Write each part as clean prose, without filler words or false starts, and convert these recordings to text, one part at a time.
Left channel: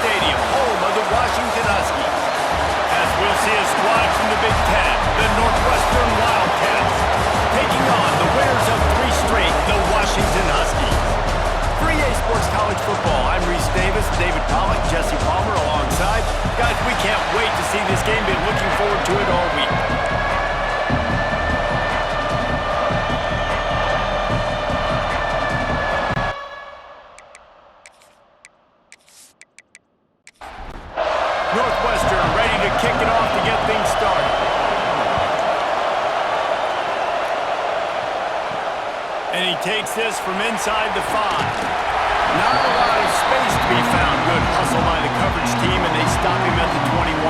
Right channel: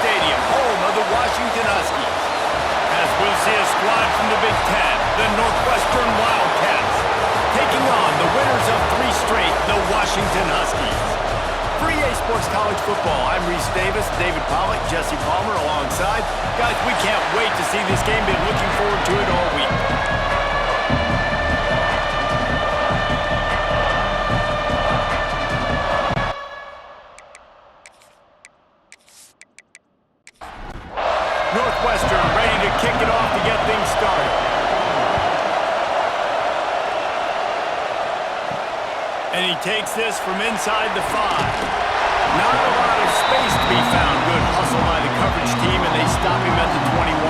Stadium, home of the Washington Huskies. As we'll see a squad from the Big Ten, the Northwestern Wildcats, taking on the winners of 3 straight, the Washington Huskies. For EA Sports College Football, I'm Reese Davis, David Pollack, Jesse Palmer alongside. Guys, we can't wait to see this game. Been looking forward to it all week. Northwestern ready to kick it off to get things started. And he takes this from inside the 5. Not a lot of space to be found. Good hustle by the coverage team, and they stop him at the 21.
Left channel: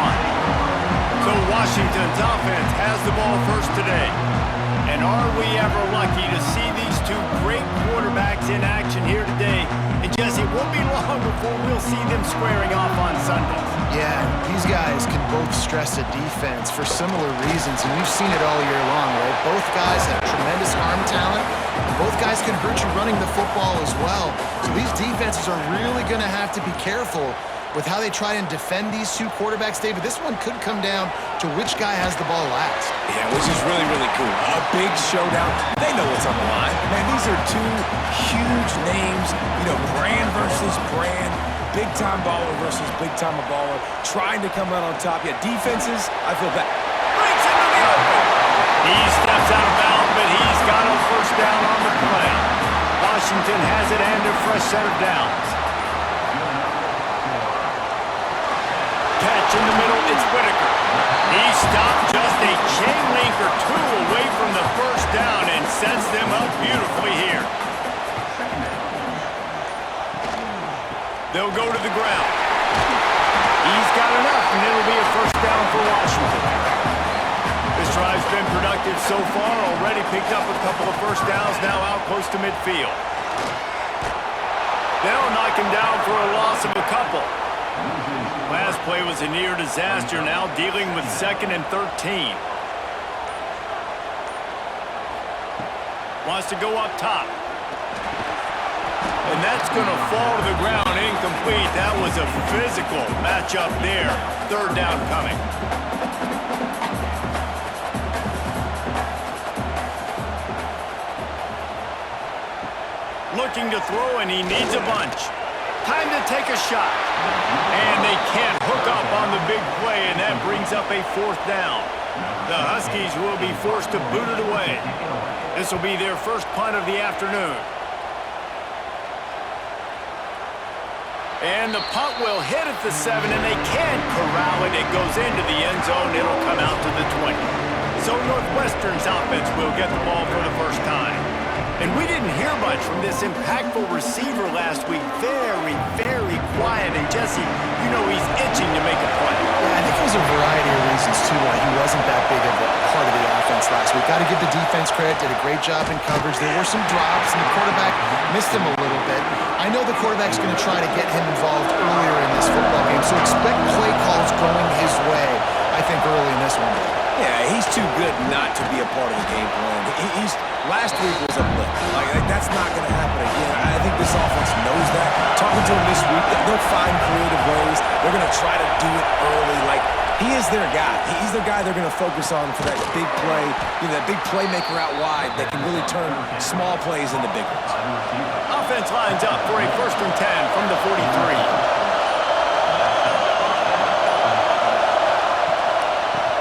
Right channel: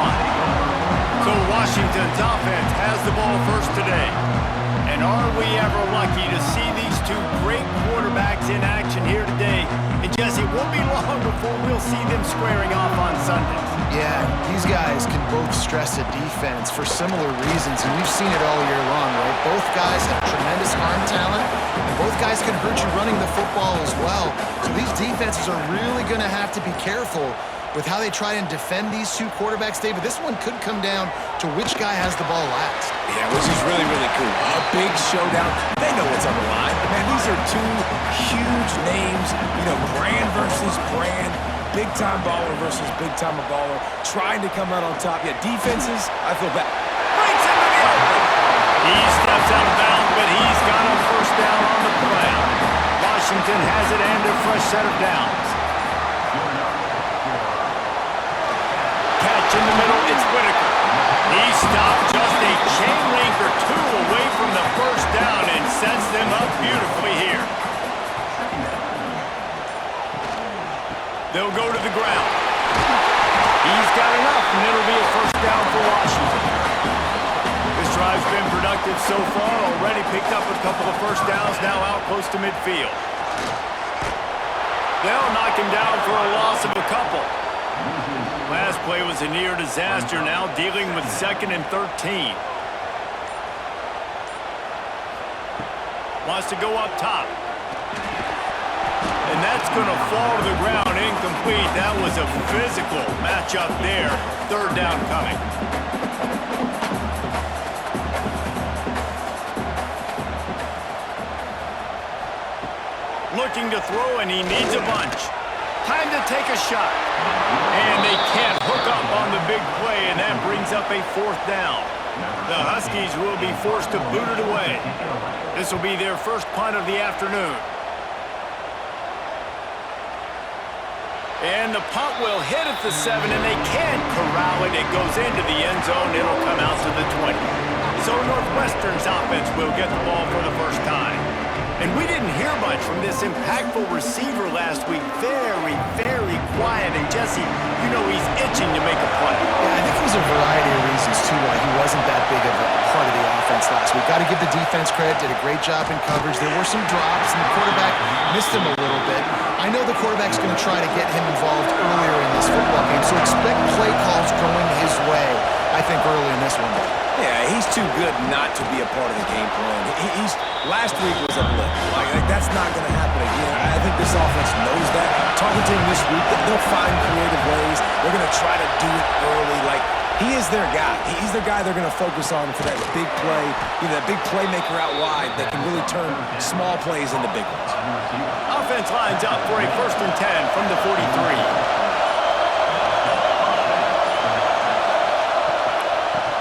So Washington's offense has the ball first today. And are we ever lucky to see these 2 great quarterbacks in action here today? And Jesse, it won't be long before we'll see them squaring off on Sundays. Yeah, these guys can both stress a defense for similar reasons, and we've seen it all year long, right? Both guys have tremendous arm talent, and both guys can hurt you running the football as well. So these defenses are really going to have to be careful with how they try and defend these 2 quarterbacks. David, this one could come down to which guy has the ball last. Yeah, which is really, really cool. A big showdown. They know what's on the line. Man, these are 2 huge names, brand versus brand. Big-time baller versus big-time baller, trying to come out on top. Yeah, defenses, I feel bad. Breaks into the open. He steps out of bounds, but he's got a first down on the play. Washington has it and a fresh set of downs. Catch in the middle, it's Whitaker. He stopped just a chain link or 2 away from the first down and sets them up beautifully here. They'll go to the ground. He's got enough, and it'll be a first down for Washington. This drive's been productive so far. Already picked up a couple of first downs, now out close to midfield. They'll knock him down for a loss of a couple. Last play was a near disaster, now dealing with 2nd and 13. Wants to go up top. And that's going to fall to the ground incomplete. That was a physical matchup there. 3rd down coming. Looking to throw, and he needs a bunch. Time to take a shot. And they can't hook up on the big play, and that brings up a 4th down. The Huskies will be forced to boot it away. This will be their first punt of the afternoon. And the punt will hit at the 7, and they can't corral it. It goes into the end zone. It'll come out to the 20. So Northwestern's offense will get the ball for the first time. And we didn't hear much from this impactful receiver last week. Very, very quiet. And Jesse, he's itching to make a play. Yeah, I think it was a variety of reasons, too, why he wasn't that big of a part of the offense last week. Got to give the defense credit. Did a great job in coverage. There were some drops, and the quarterback missed him a little bit. I know the quarterback's going to try to get him involved earlier in this football game, so expect play calls going his way, I think, early in this one. Yeah, he's too good not to be a part of the game plan. Last week was a blip. Like that's not going to happen again. I think this offense knows that. Talking to him this week, they'll find creative ways. They're going to try to do it early. Like, he is their guy. He's their guy they're going to focus on for that big play, that big playmaker out wide that can really turn small plays into big ones. Offense lines up for a 1st and 10 from the 43.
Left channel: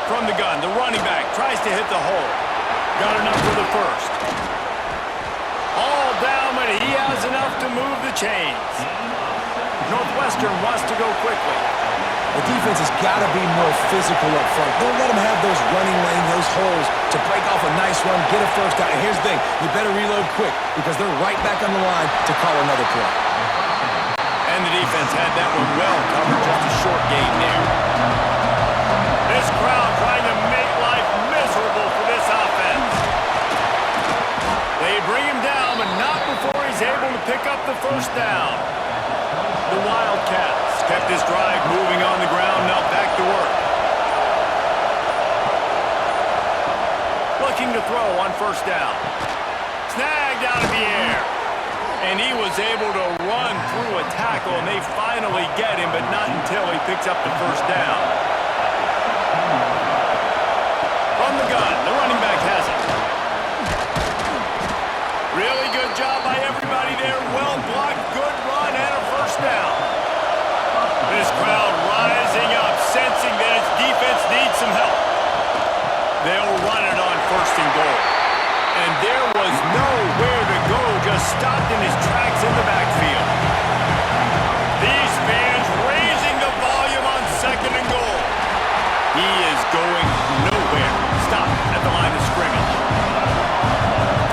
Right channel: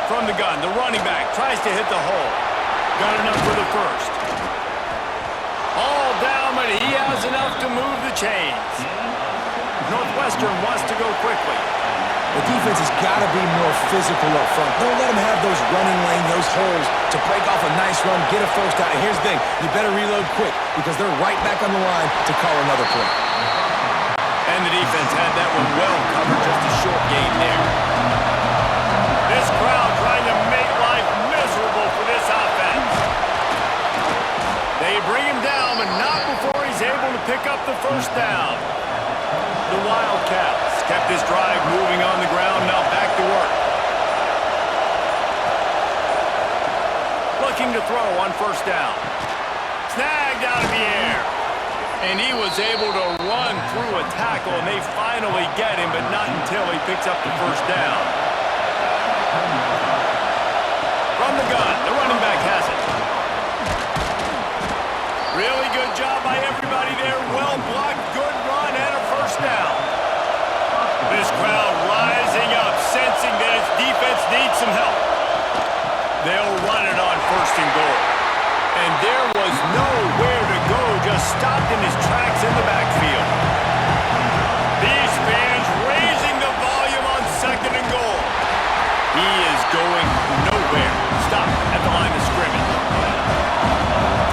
From the gun, the running back tries to hit the hole. Got enough for the first. All down, but he has enough to move the chains. Northwestern wants to go quickly. The defense has got to be more physical up front. Don't let them have those running lanes, those holes to break off a nice run, get a first down. And here's the thing, you better reload quick because they're right back on the line to call another play. And the defense had that one well covered, just a short gain there. This crowd trying to make life miserable for this offense. They bring him down, but not before he's able to pick up the first down. The Wildcats kept this drive moving on the ground, now back to work. Looking to throw on first down. Snagged out of the air. And he was able to run through a tackle, and they finally get him, but not until he picks up the first down. From the gun, the running back has it. Really good job by everybody there. Well blocked, good run, and a first down. This crowd rising up, sensing that its defense needs some help. They'll run it on first and goal. And there was nowhere to go, just stopped in his tracks in the backfield. These fans raising the volume on second and goal. He is going nowhere. Stop at the line of scrimmage.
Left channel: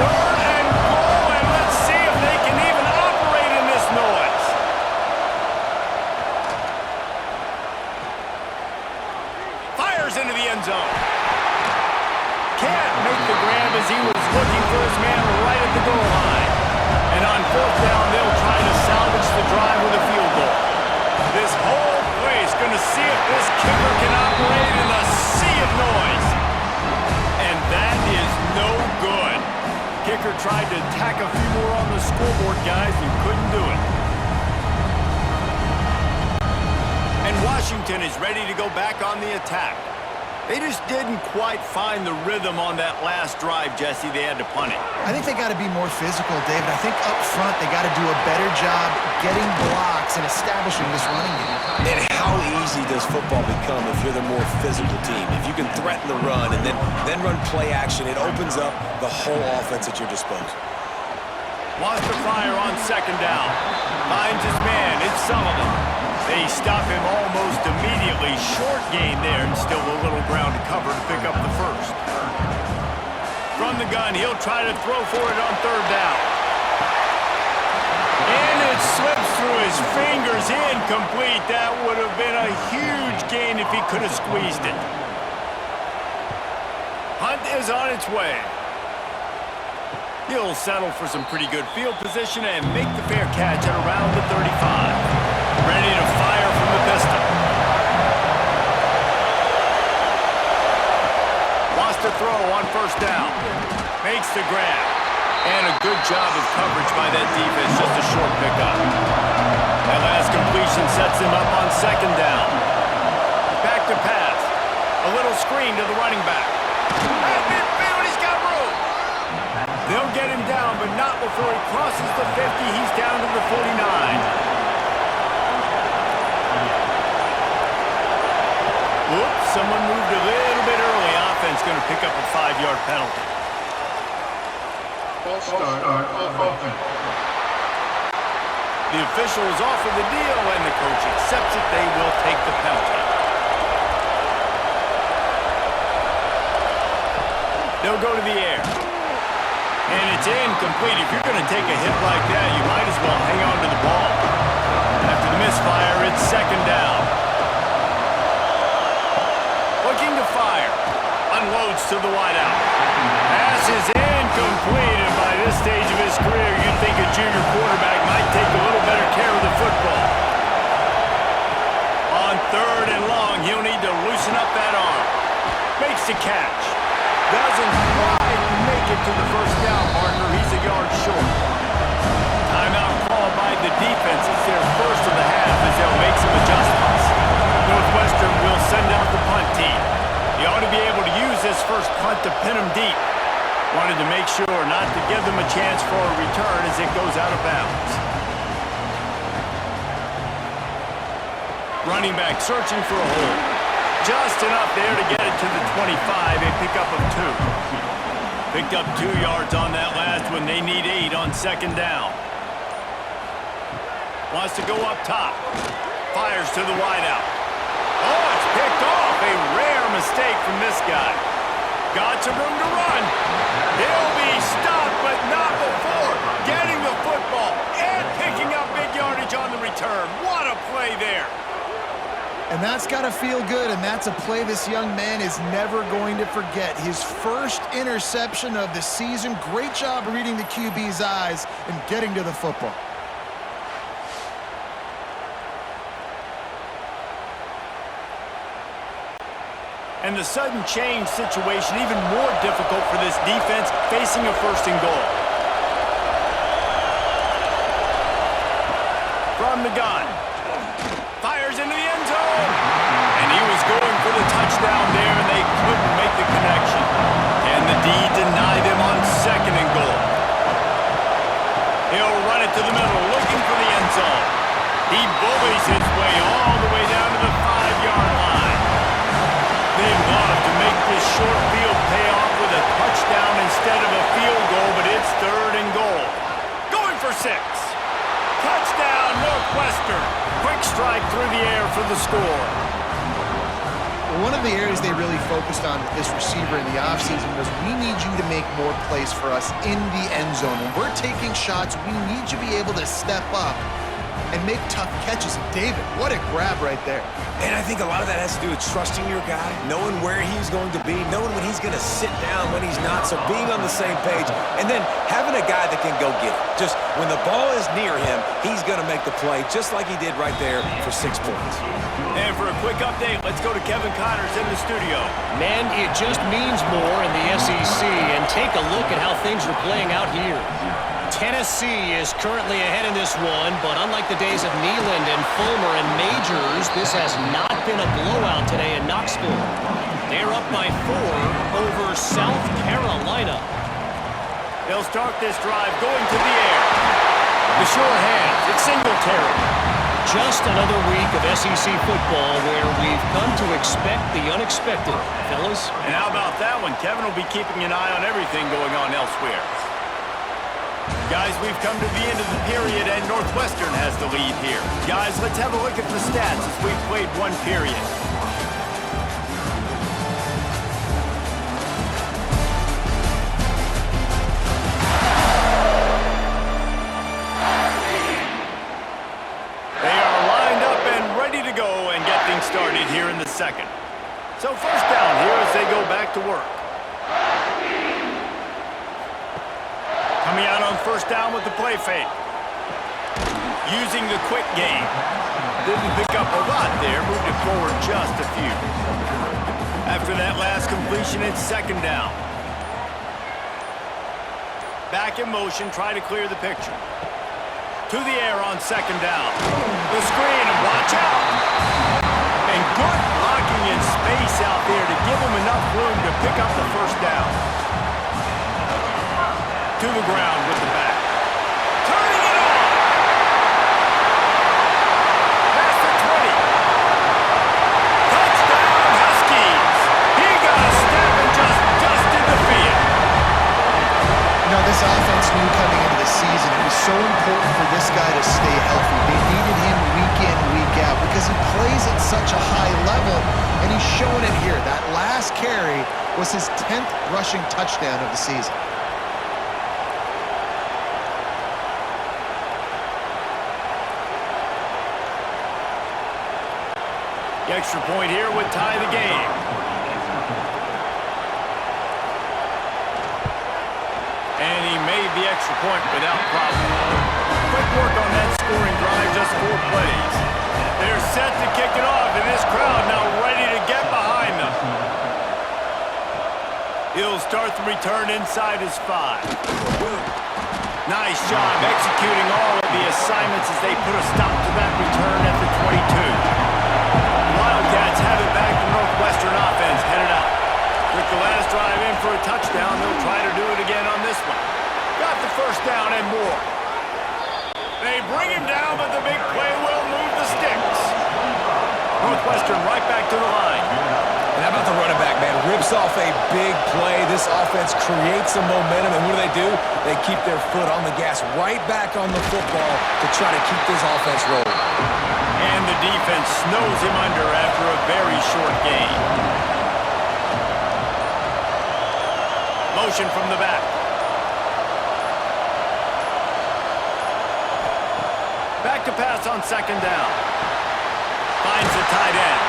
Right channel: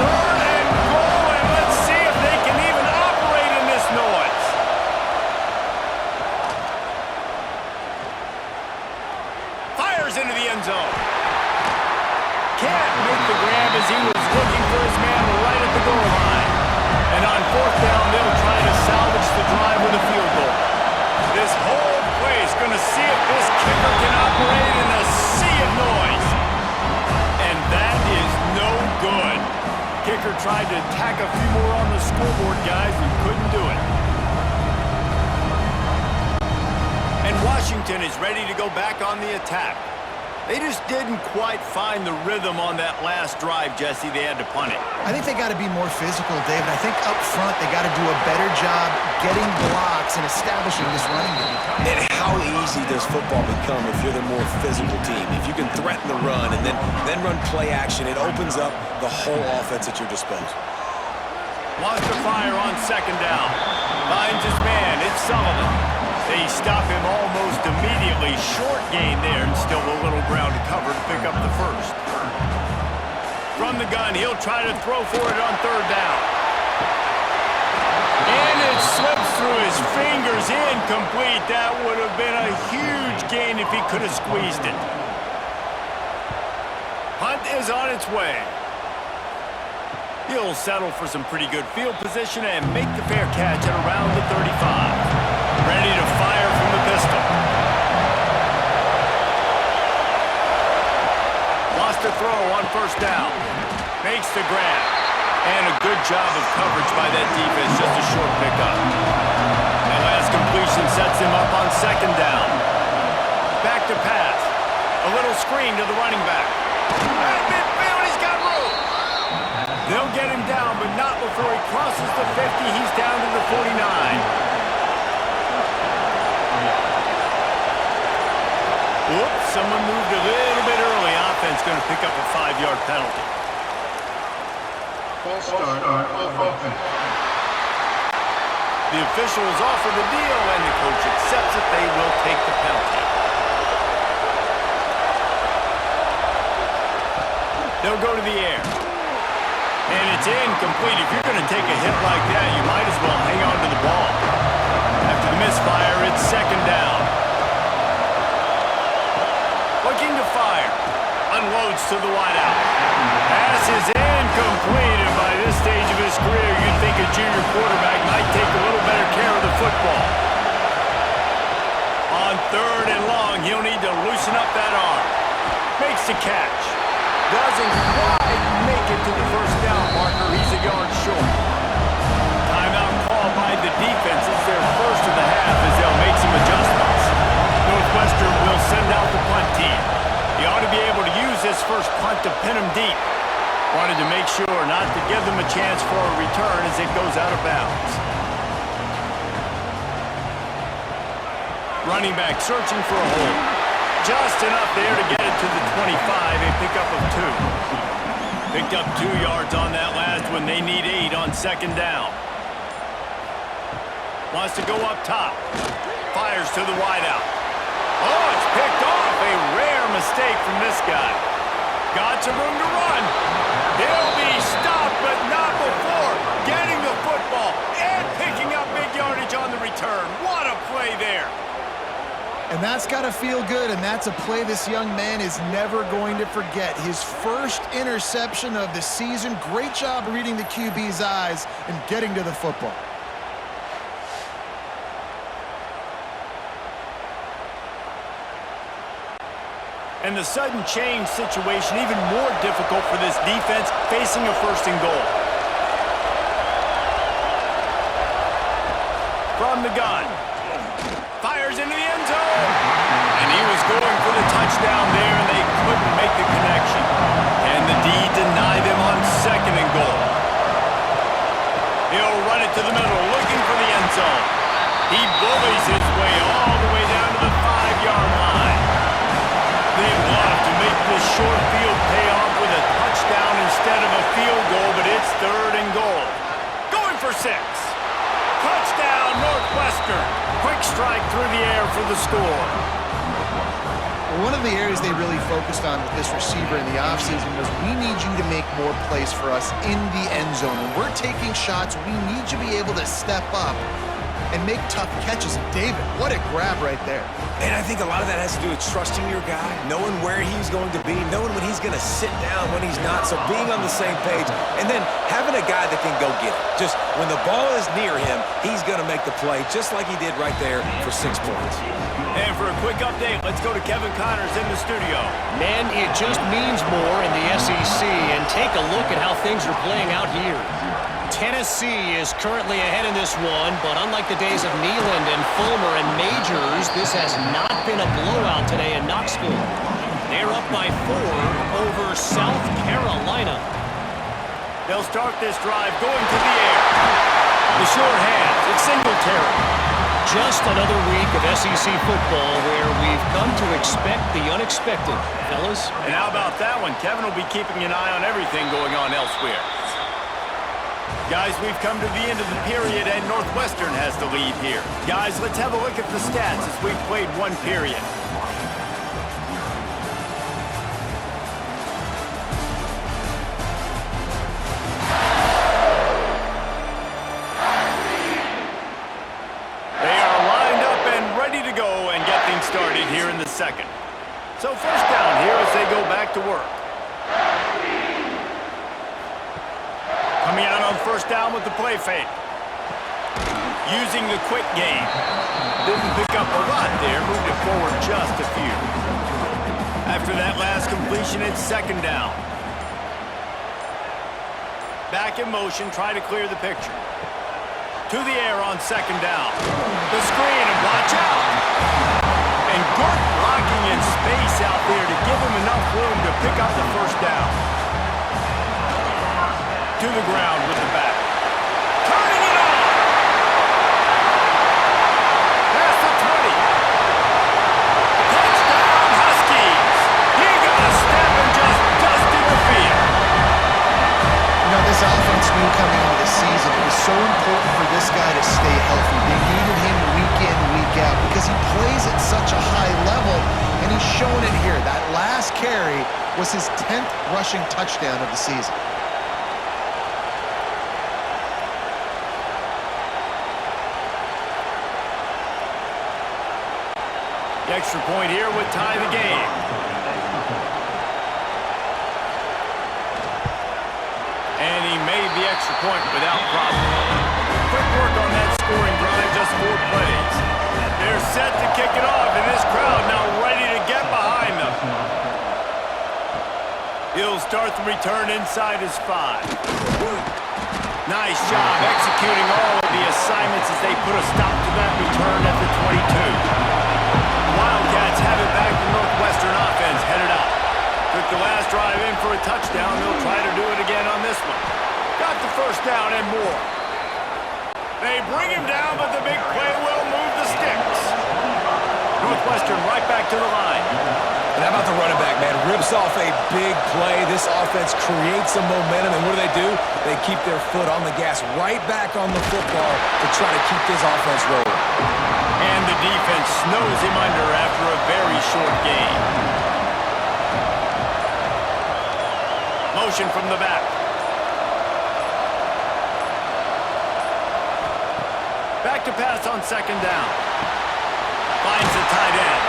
Third and goal, and let's see if they can even operate in this noise. Fires into the end zone. Can't make the grab as he was looking for his man right at the goal line. And on fourth down, they'll try to salvage the drive with a field goal. This whole place going to see if this kicker can operate in a sea of noise. And that is no good. Kicker tried to tack a few more on the scoreboard, guys, and couldn't do it. And Washington is ready to go back on the attack. They just didn't quite find the rhythm on that last drive, Jesse. They had to punt it. I think they got to be more physical, David. I think up front they got to do a better job getting blocks and establishing this running game. And how easy does football become if you're the more physical team? If you can threaten the run and then run play action, it opens up the whole offense at your disposal. Wants to fire on second down. Finds his man. It's Sullivan. They stop him almost immediately. Short gain there, and still a little ground to cover to pick up the first. From the gun, he'll try to throw for it on third down. And it slips through his fingers, incomplete. That would have been a huge gain if he could have squeezed it. Hunt is on its way. He'll settle for some pretty good field position and make the fair catch at around the 35. Ready to fire from the pistol. Wants to throw on first down. Makes the grab. And a good job of coverage by that defense, just a short pickup. That last completion sets him up on second down. Back to pass. A little screen to the running back. At midfield, he's got room. They'll get him down, but not before he crosses the 50. He's down to the 49. Whoops, someone moved a little bit early. Offense going to pick up a 5-yard penalty. False start on offense. The officials offer the deal, and the coach accepts it. They will take the penalty. They'll go to the air. And it's incomplete. If you're going to take a hit like that, you might as well hang on to the ball. After the misfire, it's second down. Looking to fire. Unloads to the wideout. Pass is incomplete, and by this stage of his career, you'd think a junior quarterback might take a little better care of the football. On third and long, he'll need to loosen up that arm. Makes the catch. Doesn't quite make it to the first down marker. He's a yard short. Timeout called by the defense. It's their first of the half as they'll make some adjustments. Northwestern will send out the punt team. He ought to be able to use this first punt to pin them deep. Wanted to make sure not to give them a chance for a return as it goes out of bounds. Running back searching for a hole. Just enough there to get it to the 25, a pickup of 2. Picked up 2 yards on that last one. They need 8 on second down. Wants to go up top. Fires to the wideout. Oh, it's picked off. A rare mistake from this guy. Got some room to run. He'll be stopped, but not before getting the football and picking up big yardage on the return. What a play there. And that's got to feel good, and that's a play this young man is never going to forget. His first interception of the season. Great job reading the QB's eyes and getting to the football. And the sudden change situation even more difficult for this defense facing a first and goal. from the gun. Fires into the end zone. And he was going for the touchdown there, and they couldn't make the connection. And the D deny them on 2nd and goal. He'll run it to the middle, looking for the end zone. He bullies his way all the way down to the 5-yard line. They'd love to make this short field pay off with a touchdown instead of a field goal, but it's 3rd and goal. Going for 6. Touchdown, Northwestern. Quick strike through the air for the score. One of the areas they really focused on with this receiver in the offseason was, we need you to make more plays for us in the end zone. When we're taking shots, we need you to be able to step up and make tough catches. And David, what a grab right there. And I think a lot of that has to do with trusting your guy, knowing where he's going to be, knowing when he's going to sit down, when he's not, so being on the same page, and then having a guy that can go get it. Just when the ball is near him, he's going to make the play, just like he did right there for 6 points. And for a quick update, let's go to Kevin Connors in the studio. Man, it just means more in the SEC, and take a look at how things are playing out here. Tennessee is currently ahead in this one, but unlike the days of Neyland and Fulmer and Majors, this has not been a blowout today in Knoxville. They're up by 4 over South Carolina. They'll start this drive going to the air. The sure hands, it's Singletary. Just another week of SEC football where we've come to expect the unexpected, fellas. And how about that one? Kevin will be keeping an eye on everything going on elsewhere. Guys, we've come to the end of the period, and Northwestern has the lead here. Guys, let's have a look at the stats as we've played 1 period. They are lined up and ready to go and get things started here in the 2nd. So 1st down here as they go back to work. Coming out on 1st down with the play fake. Using the quick game. Didn't pick up a lot there, moved it forward just a few. After that last completion, it's 2nd down. Back in motion, try to clear the picture. To the air on 2nd down. The screen, and watch out! And good blocking in space out there to give him enough room to pick up the 1st down. To the ground with the back. Turning it on! Past the 20. Touchdown, Huskies! He got a step and just dusted the field. You know, this offense knew coming into the season it was so important for this guy to stay healthy. They needed him week in, week out, because he plays at such a high level, and he's showing it here. That last carry was his 10th rushing touchdown of the season. The extra point here would tie the game. And he made the extra point without problem. Quick work on that scoring drive, just 4 plays. They're set to kick it off, and this crowd now ready to get behind them. He'll start the return inside his 5. Nice job executing all of the assignments as they put a stop to that return at the 22. Wildcats have it back. The Northwestern offense headed out. Took the last drive in for a touchdown. They'll try to do it again on this one. Got the 1st down and more. They bring him down, but the big play will move the sticks. Northwestern right back to the line. And how about the running back, man? Rips off a big play. This offense creates some momentum, and what do? They keep their foot on the gas right back on the football to try to keep this offense rolling. And the defense snows him under after a very short game. Motion from the back. Back to pass on 2nd down. Finds the tight end.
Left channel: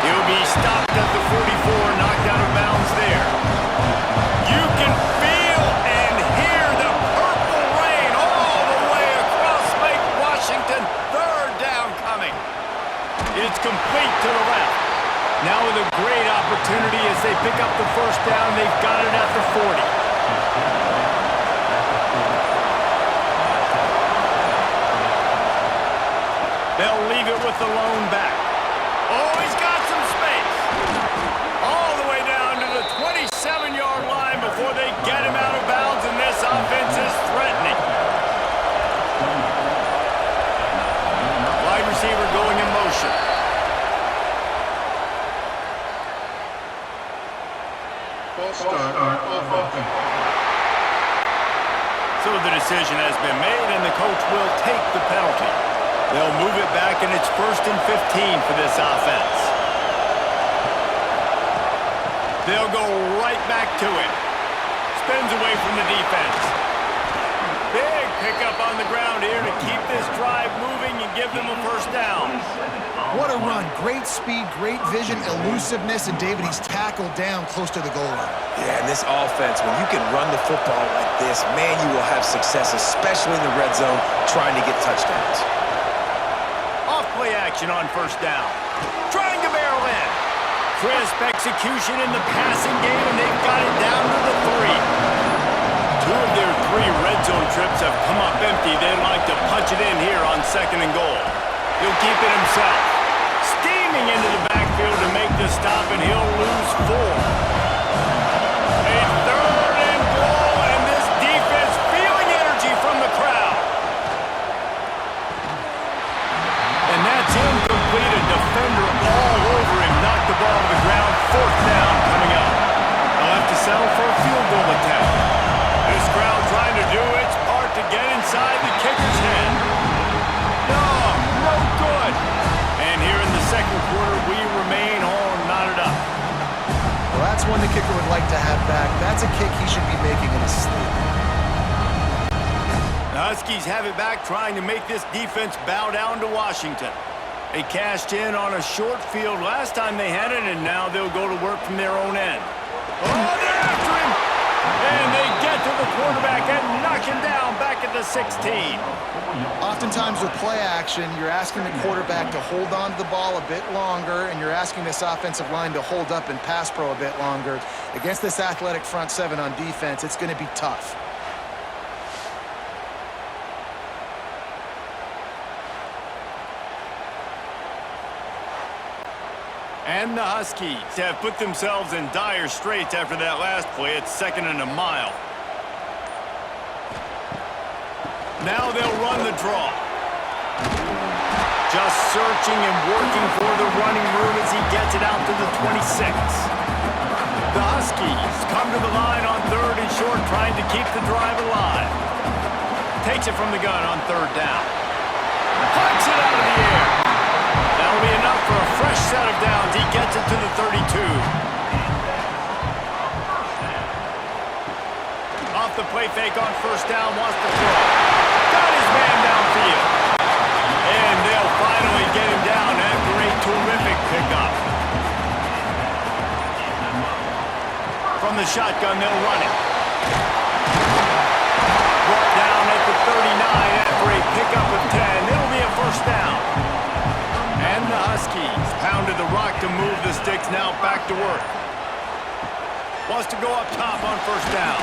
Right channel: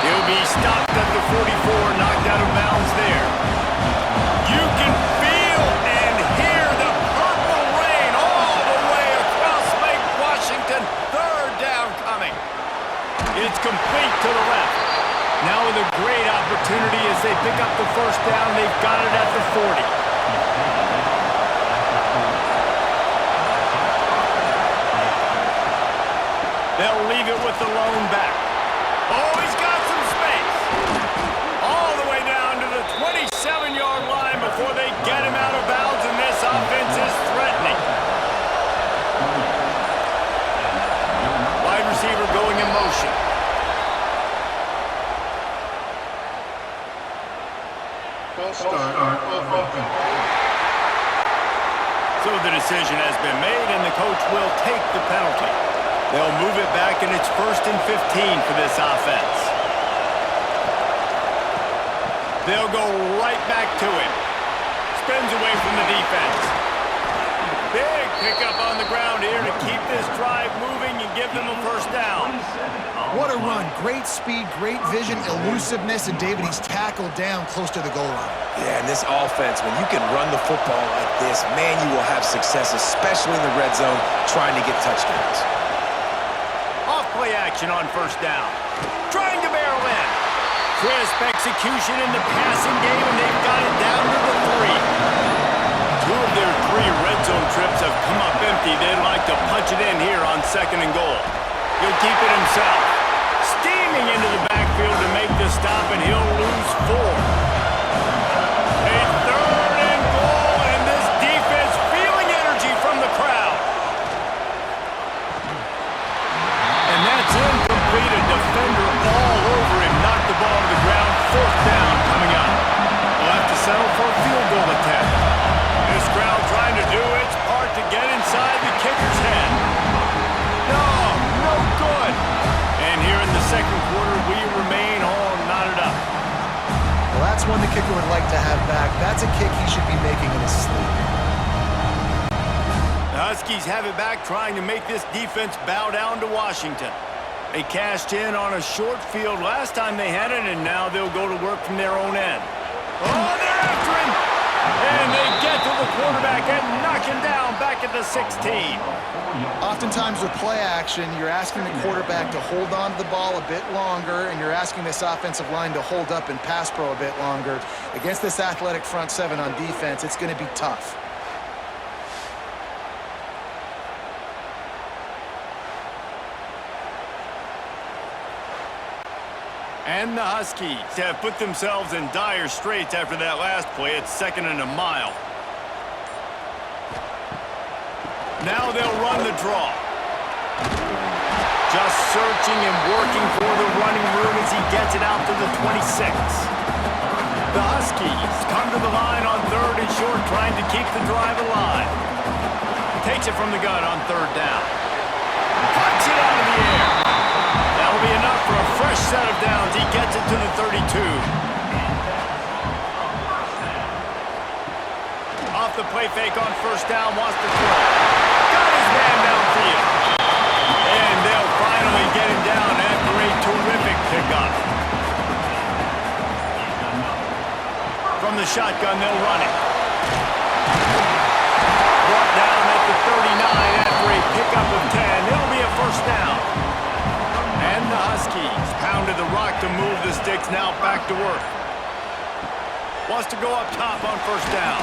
He'll be stopped at the 44, knocked out of bounds there. You can feel and hear the purple rain all the way across Lake Washington. 3rd down coming. It's complete to the left. Now with a great opportunity as they pick up the 1st down. They've got it at the 40. They'll leave it with the lone back. Oh, he's got some space. All the way down to the 27-yard line before they get him out of bounds, and this offense is threatening. Wide receiver going in motion. False start on offense. So the decision has been made, and the coach will take the penalty. They'll move it back, and it's 1st and 15 for this offense. They'll go right back to him. Spins away from the defense. Big pickup on the ground here to keep this drive moving and give them a first down. What a run. Great speed, great vision, elusiveness, and David, he's tackled down close to the goal line. Yeah, and this offense, when you can run the football like this, man, you will have success, especially in the red zone, trying to get touchdowns. Off play action on first down. Trying to barrel in. Crisp execution in the passing game, and they've got it down to the 3. 2 of their 3 red zone trips have come up empty. They'd like to punch it in here on 2nd and goal. He'll keep it himself. Steaming into the backfield to make the stop, and he'll lose 4. A 3rd and goal, and this defense feeling energy from the crowd. And that's incomplete. A defender all over him. Knocked the ball to the ground. 4th down coming up. They'll have to settle for a field goal attempt. This crowd trying to do its part to get inside the kicker's head. No good. And here in the 2nd quarter, we remain all knotted up. Well, that's one the kicker would like to have back. That's a kick he should be making in his sleep. The Huskies have it back, trying to make this defense bow down to Washington. They cashed in on a short field last time they had it, and now they'll go to work from their own end. Oh, they're after him! And they get to the quarterback and knock him down back at the 16. Oftentimes with play action, you're asking the quarterback to hold on to the ball a bit longer, and you're asking this offensive line to hold up and pass pro a bit longer. Against this athletic front 7 on defense, it's going to be tough. And the Huskies have put themselves in dire straits after that last play. It's 2nd and a mile. Now they'll run the draw. Just searching and working for the running room as he gets it out to the 26. The Huskies come to the line on 3rd and short, trying to keep the drive alive. Takes it from the gun on 3rd down. Punts it out of the air. That'll be enough for a fresh set of downs. He gets it to the 32. Off the play fake on 1st down, wants to throw. Got his man downfield. And they'll finally get him down after a terrific pickup. From the shotgun, they'll run it. Brought down at the 39 after a pickup of 10. It'll be a first down. And the Huskies pounded the rock to move the sticks, now back to work. Wants to go up top on 1st down.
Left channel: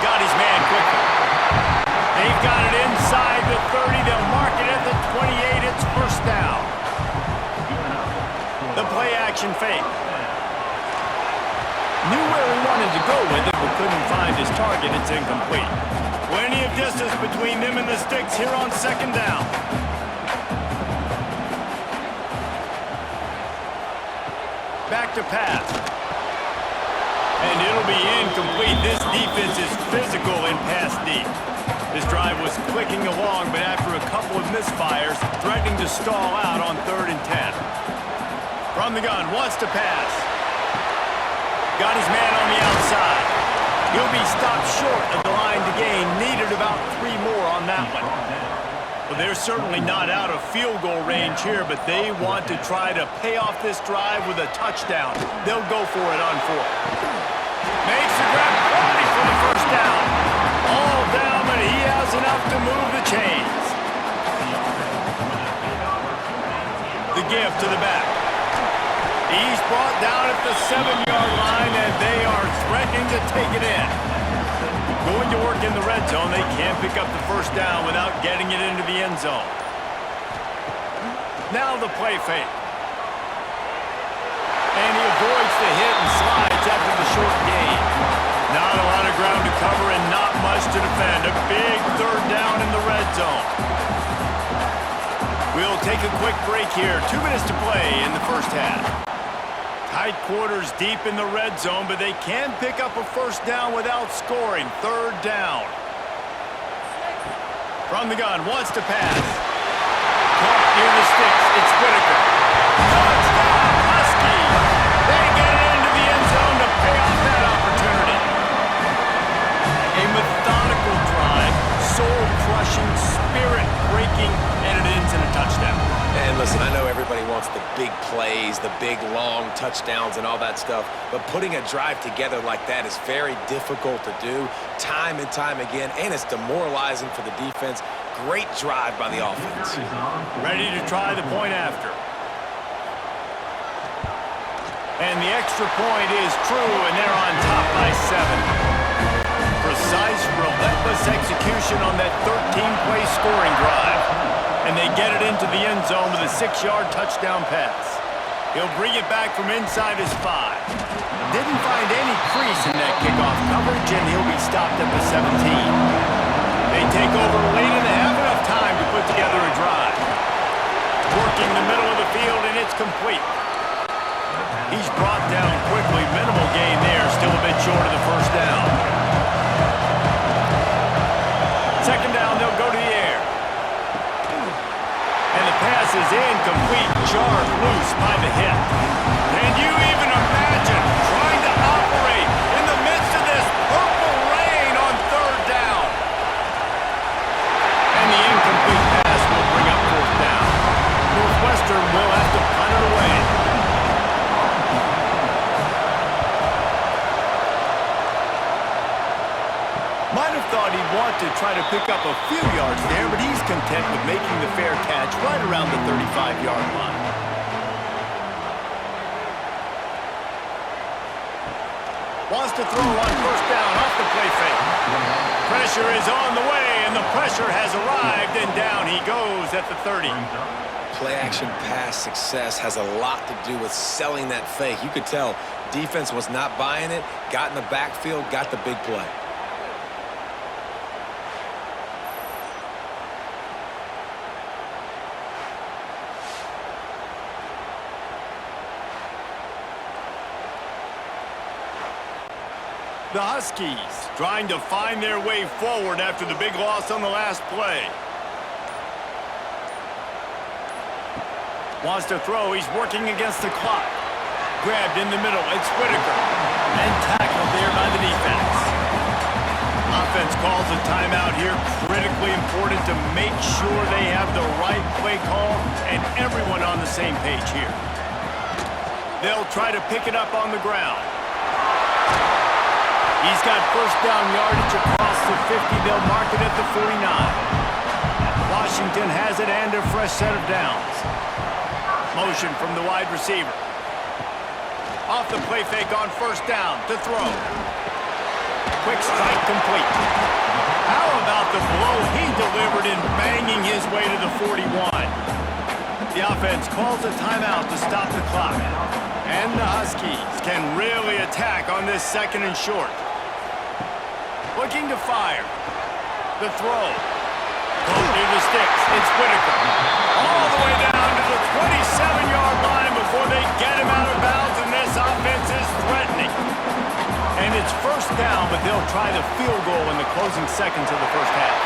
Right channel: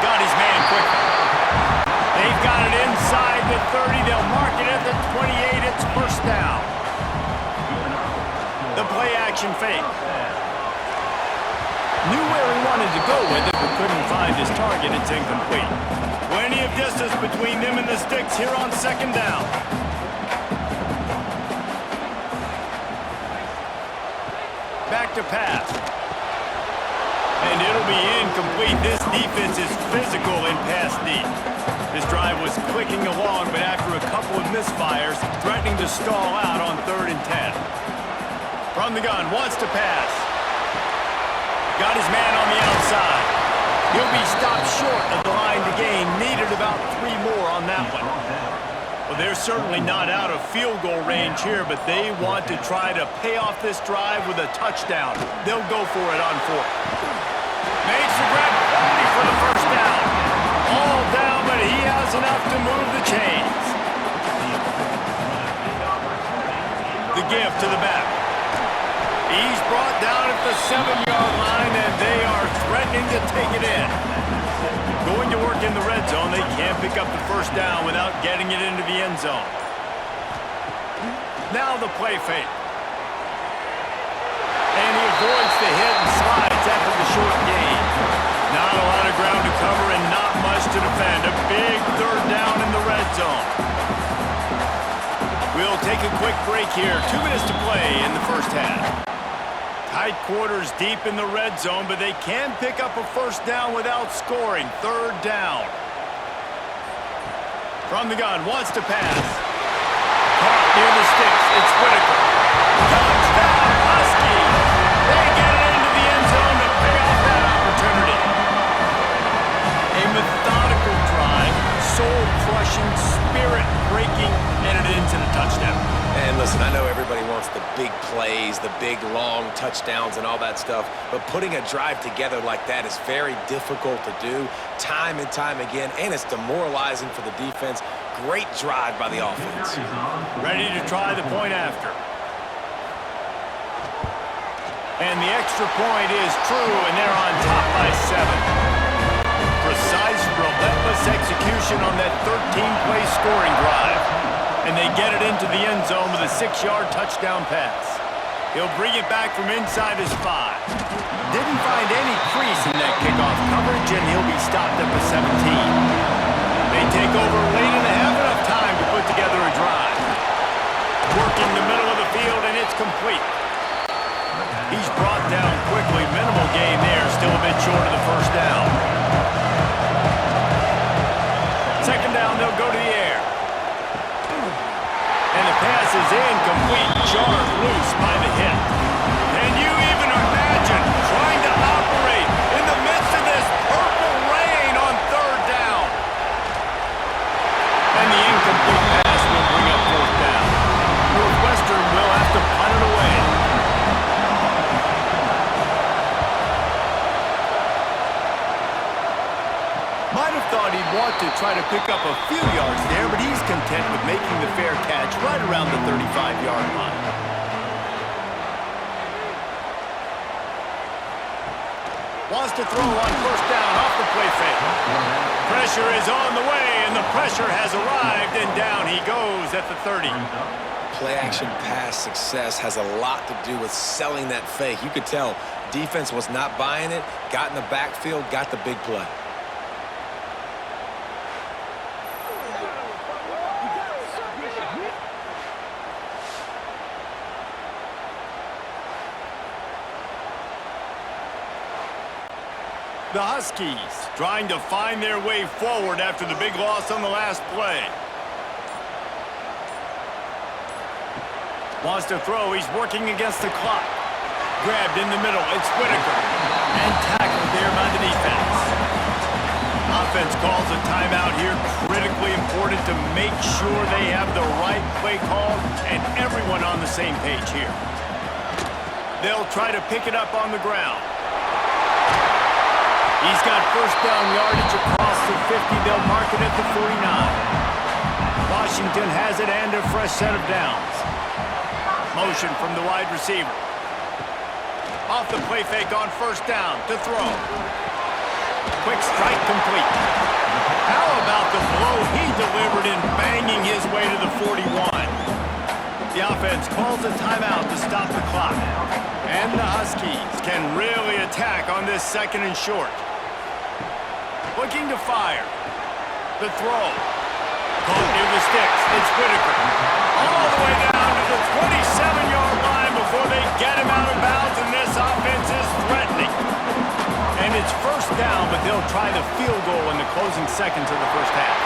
Got his man quickly. They've got it inside the 30. They'll mark it at the 28. It's 1st down. The play action fake. Knew where he wanted to go with it, but couldn't find his target. It's incomplete. Plenty of distance between them and the sticks here on 2nd down. Back to pass. And it'll be incomplete. This defense is physical in pass deep. This drive was clicking along, but after a couple of misfires, threatening to stall out on 3rd and 10. From the gun, wants to pass. Got his man on the outside. He'll be stopped short of the line to gain. Needed about 3 more on that one. Well, they're certainly not out of field goal range here, but they want to try to pay off this drive with a touchdown. They'll go for it on 4th. Makes the grab, ready for the 1st down. All down, but he has enough to move the chains. The give to the back. He's brought down at the 7-yard line, and they are threatening to take it in. Going to work in the red zone, they can't pick up the 1st down without getting it into the end zone. Now the play fake. And he avoids the hit and slides after the short gain. Not a lot of ground to cover and not much to defend. A big third down in the red zone. We'll take a quick break here. 2 minutes to play in the first half. Tight quarters deep in the red zone, but they can pick up a first down without scoring. Third down. From the gun, wants to pass. Caught near the sticks. It's Whitaker. Touchdown, Huskies! They get it into the end zone to pay off that opportunity. A methodical drive, soul-crushing, spirit-breaking, and it ends in a touchdown. And listen, I know everybody wants the big plays, the big, long touchdowns and all that stuff, but putting a drive together like that is very difficult to do time and time again, and it's demoralizing for the defense. Great drive by the offense. Ready to try the point after. And the extra point is true, and they're on top by 7. Precise, relentless execution on that 13-play scoring drive. And they get it into the end zone with a 6-yard touchdown pass. He'll bring it back from inside his 5. Didn't find any crease in that kickoff coverage, and he'll be stopped at the 17. They take over late and have enough time to put together a drive. Working the middle of the field, and it's complete. He's brought down quickly. Minimal gain there, still a bit short of the first down. Second down, they'll go to the air. And the pass is incomplete, jarred loose by the hit. Can you even imagine trying to operate in the midst of this purple rain on third down? And the incomplete pass will bring up fourth down. Northwestern will have to punt it away. Might have thought he'd want to try to pick up a few yards there, but he's content with making the fair catch right around the 35-yard line. Wants to throw on first down off the play fake. Pressure is on the way, and the pressure has arrived, and down he goes at the 30. Play-action pass success has a lot to do with selling that fake. You could tell defense was not buying it, got in the backfield, got the big play. The Huskies trying to find their way forward after the big loss on the last play. Wants to throw. He's working against the clock. Grabbed in the middle. It's Whitaker. And tackled there by the defense. Offense calls a timeout here. Critically important to make sure they have the right play call and everyone on the same page here. They'll try to pick it up on the ground. He's got first down yardage across the 50. They'll mark it at the 49. Washington has it and a fresh set of downs. Motion from the wide receiver. Off the play fake on first down to throw. Quick strike complete. How about the blow he delivered in banging his way to the 41? The offense calls a timeout to stop the clock. And the Huskies can really attack on this second and short. Looking to fire. The throw. Caught near the sticks. It's Whitaker. All the way down to the 27-yard line before they get him out of bounds, and this offense is threatening. And it's first down, but they'll try the field goal in the closing seconds of the first half.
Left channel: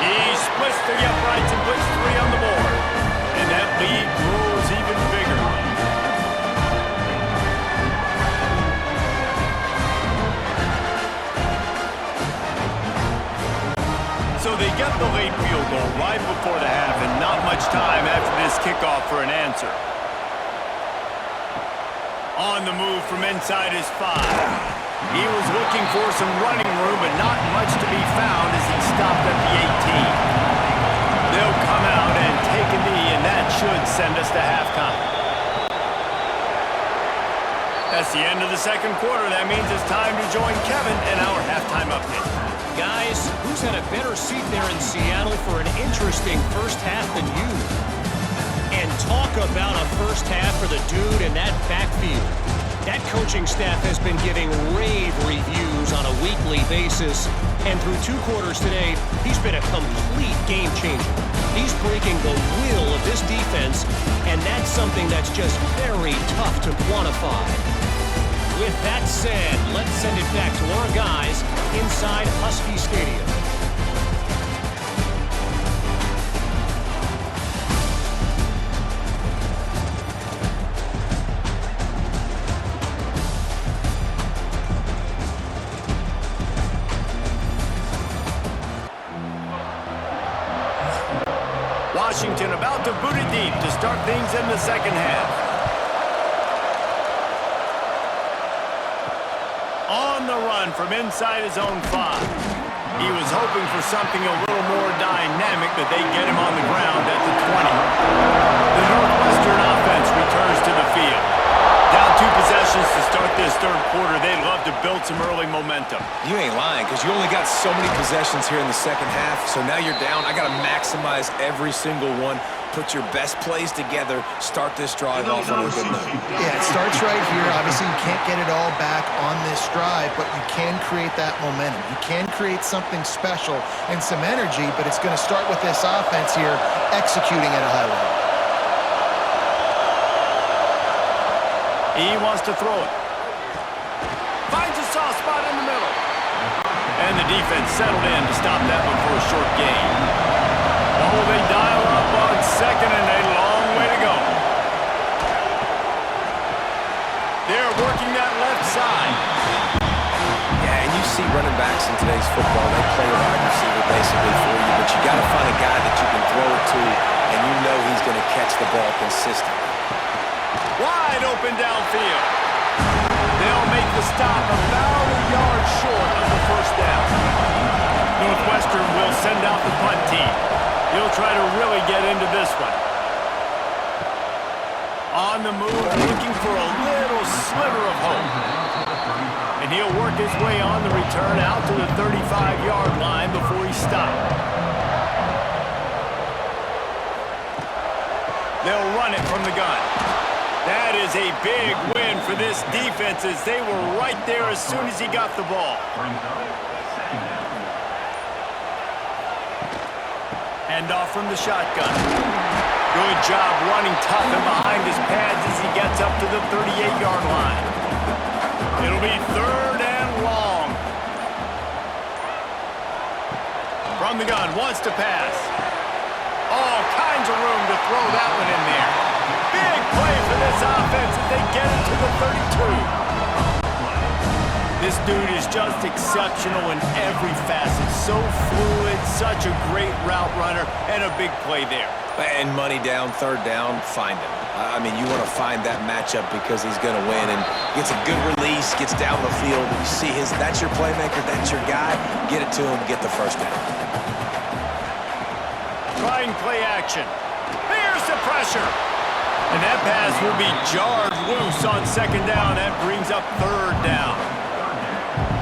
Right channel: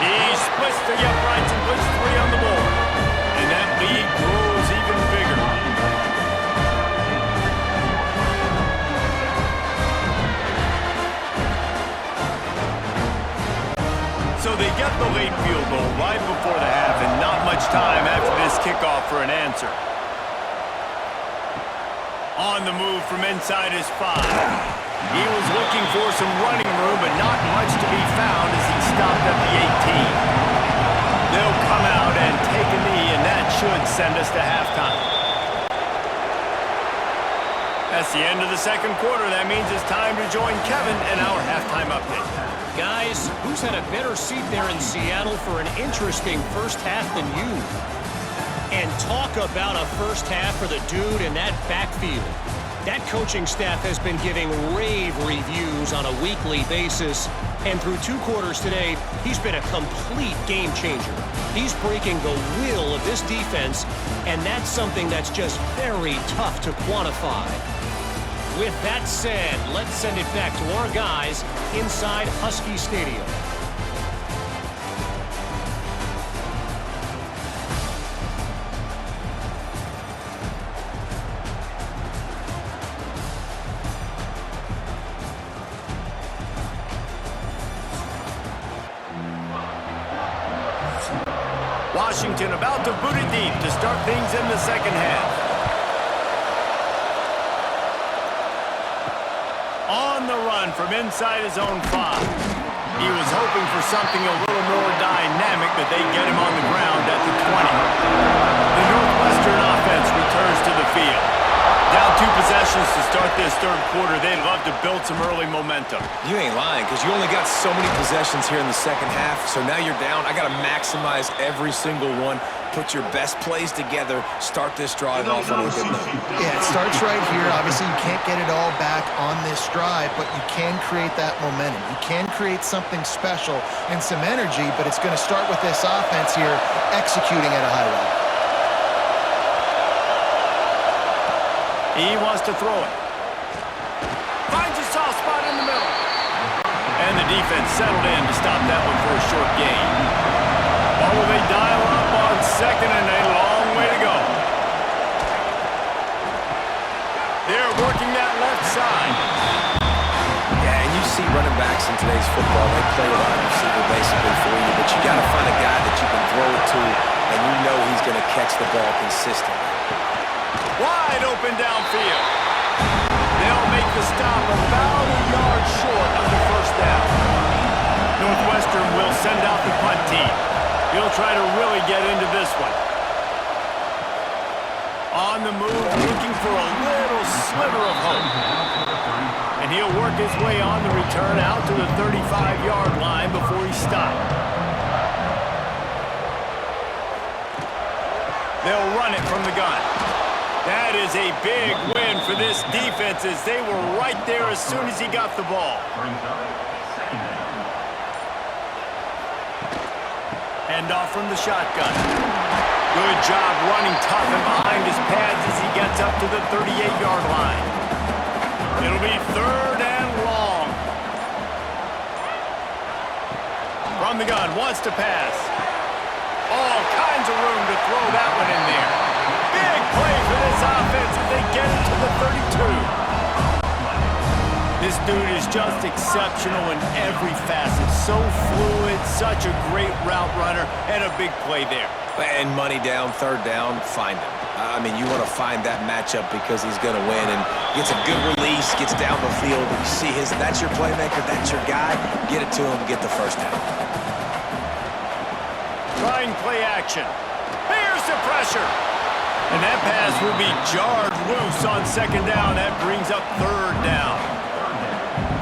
He splits the uprights and puts 3 on the board. And that lead grows even bigger. So they get the late field goal right before the half, and not much time after this kickoff for an answer. On the move from inside his 5. He was looking for some running room, but not much to be found as he stopped at the 18. They'll come out and take a knee, and that should send us to halftime. That's the end of the second quarter. That means it's time to join Kevin in our halftime update. Guys, who's had a better seat there in Seattle for an interesting first half than you? And talk about a first half for the dude in that backfield. That coaching staff has been giving rave reviews on a weekly basis. And through 2 quarters today, he's been a complete game changer. He's breaking the will of this defense, and that's something that's just very tough to quantify. With that said, let's send it back to our guys inside Husky Stadium. Washington about to boot it deep to start things in the second half. On the run from inside his own 5. He was hoping for something a little more dynamic, but they get him on the ground at the 20. The Northwestern offense returns to the field. Down 2 possessions to start this third quarter. They'd love to build some early momentum. You ain't lying, because you only got so many possessions here in the second half, so now you're down. I got to maximize every single one. Put your best plays together. Start this drive off on a good note. Yeah, it starts right here. Obviously, you can't get it all back on this drive, but you can create that momentum. You can create something special and some energy, but it's going to start with this offense here executing at a high level. He wants to throw it. Finds a soft spot in the middle. And the defense settled in to stop that one for a short gain. Oh, they dial up on second and a long way to go. They're working that left side. Yeah, and you see running backs in today's football, they play wide receiver basically for you, but you got to find a guy that you can throw it to, and you know he's going to catch the ball consistently. Wide open downfield. They'll make the stop about a yard short of the first down. Northwestern will send out the punt team. He'll try to really get into this one. On the move, looking for a little sliver of hope. And he'll work his way on the return out to the 35-yard line before he stopped. They'll run it from the gun. That is a big win for this defense as they were right there as soon as he got the ball. Hand off from the shotgun. Good job running tough and behind his pads as he gets up to the 38-yard line. It'll be 3rd and long. From the gun, wants to pass. All kinds of room to throw that one in there. Big play for this offense as they get it to the 32. This dude is just exceptional in every facet. So fluid, such a great route runner, and a big play there. And money down, 3rd down, find him. I mean, you want to find that matchup because he's going to win and gets a good release, gets down the field. And you see that's your playmaker, that's your guy. Get it to him, get the first down. Trying play action. Here's the pressure. And that pass will be jarred loose on 2nd down. That brings up 3rd down.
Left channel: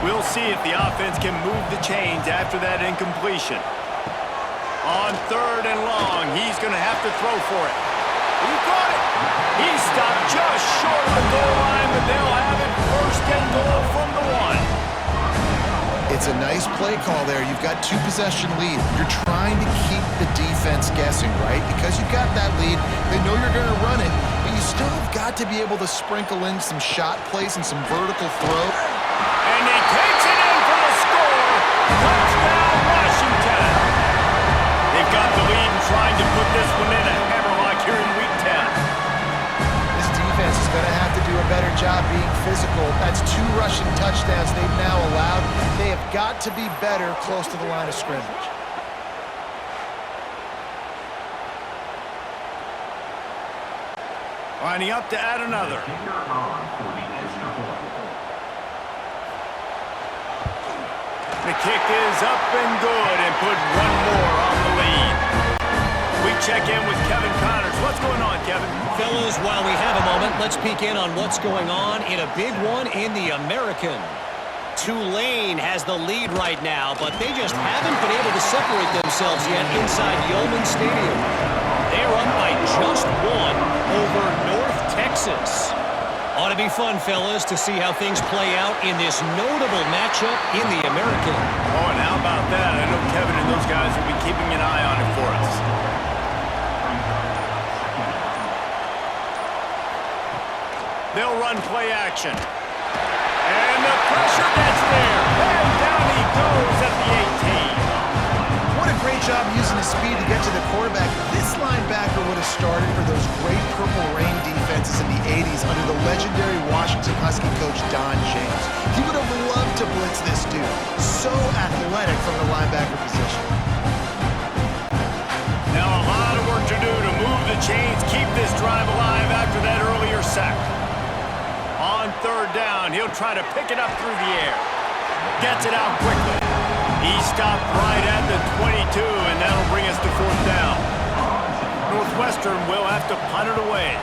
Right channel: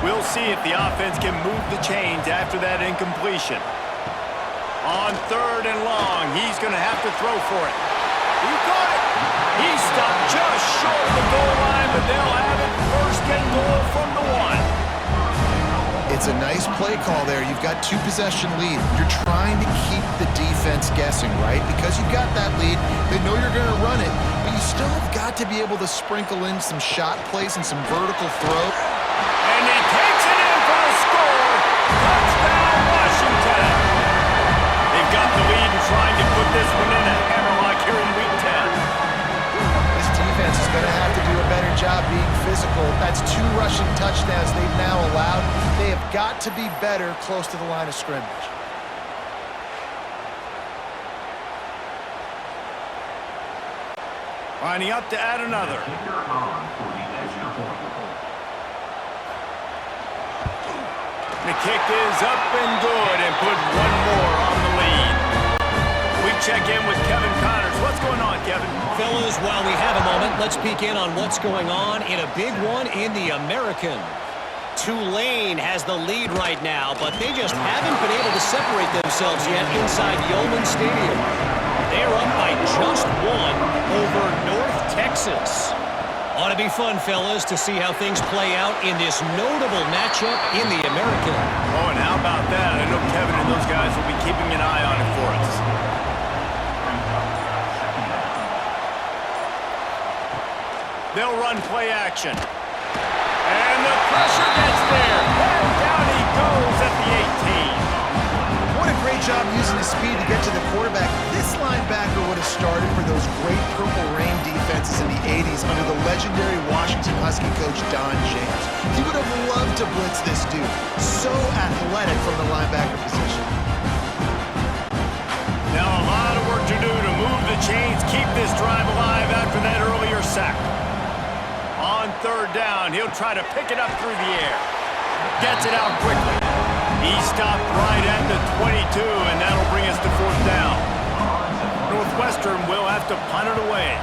We'll see if the offense can move the chains after that incompletion. On 3rd and long, he's going to have to throw for it. He caught it. He stopped just short of the goal line, but they'll have it 1st and goal from the 1. It's a nice play call there. You've got 2-possession lead. You're trying to keep the defense guessing, right? Because you've got that lead, they know you're going to run it, but you still have got to be able to sprinkle in some shot plays and some vertical throw. And he takes it in for the score. Touchdown, Washington. They've got the lead and trying to put this one in a hammerlock here in Week 10. This defense is going to have to do a better job being physical. That's 2 rushing touchdowns they've now allowed. They have got to be better close to the line of scrimmage. Lining up to add another. The kick is up and good and put one more on the lead. We check in with Kevin Connors. What's going on, Kevin? Fellas, while we have a moment, let's peek in on what's going on in a big one in the American. Tulane has the lead right now, but they just haven't been able to separate themselves yet inside Yeoman Stadium. They're up by just one over North Texas. Ought to be fun, fellas, to see how things play out in this notable matchup in the American. Oh, and how about that? I know Kevin and those guys will be keeping an eye on it for us. They'll run play action. And the pressure gets there. And down he goes at the 18. What a great job using his speed to get to the quarterback. This linebacker would have started for those great Purple Rain defenses in the 80s under the legendary Washington Husky coach Don James. He would have loved to blitz this dude. So athletic from the linebacker position. Now a lot of work to do to move the chains, keep this drive alive after that earlier sack. On third down, he'll try to pick it up through the air. Gets it out quickly. He stopped right at the 22, and that'll bring us to fourth down. Northwestern will have to punt it away.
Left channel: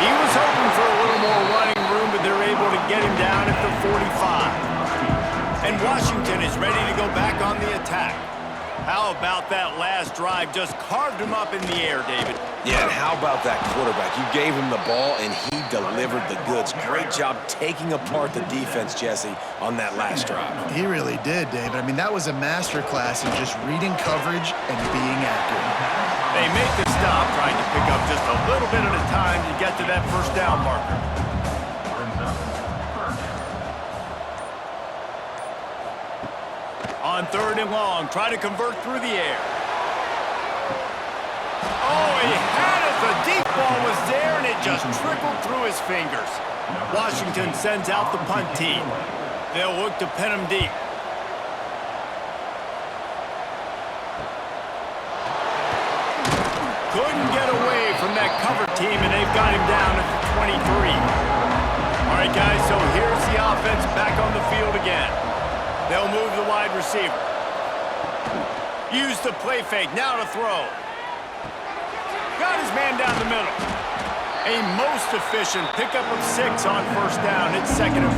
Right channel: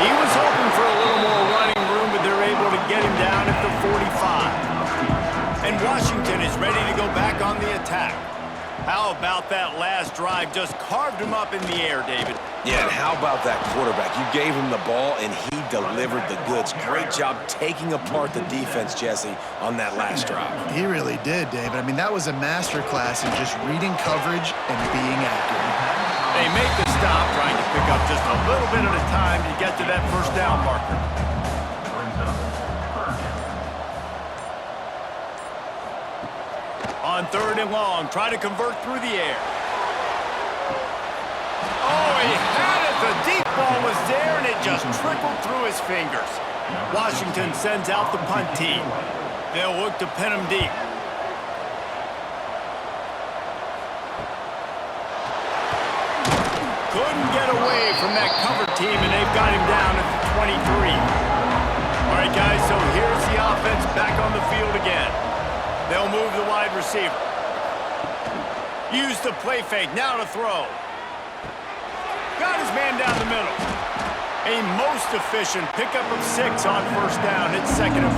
He was hoping for a little more running room, but they're able to get him down at the 45. And Washington is ready to go back on the attack. How about that last drive? Just carved him up in the air, David. Yeah, and how about that quarterback? You gave him the ball, and he delivered the goods. Great job taking apart the defense, Jesse, on that last drive. He really did, David. I mean, that was a masterclass in just reading coverage and being accurate. They make the stop, trying to pick up just a little bit at a time to get to that first down marker. On third and long, try to convert through the air. Oh, he had it. The deep ball was there, and it just trickled through his fingers. Washington sends out the punt team. They'll look to pin him deep. Couldn't get away from that cover team, and they've got him down at the 23. All right, guys, so here's the offense back on the field again. They'll move the wide receiver. Use the play fake, now to throw. Got his man down the middle. A most efficient pickup of 6 on first down. It's 2nd and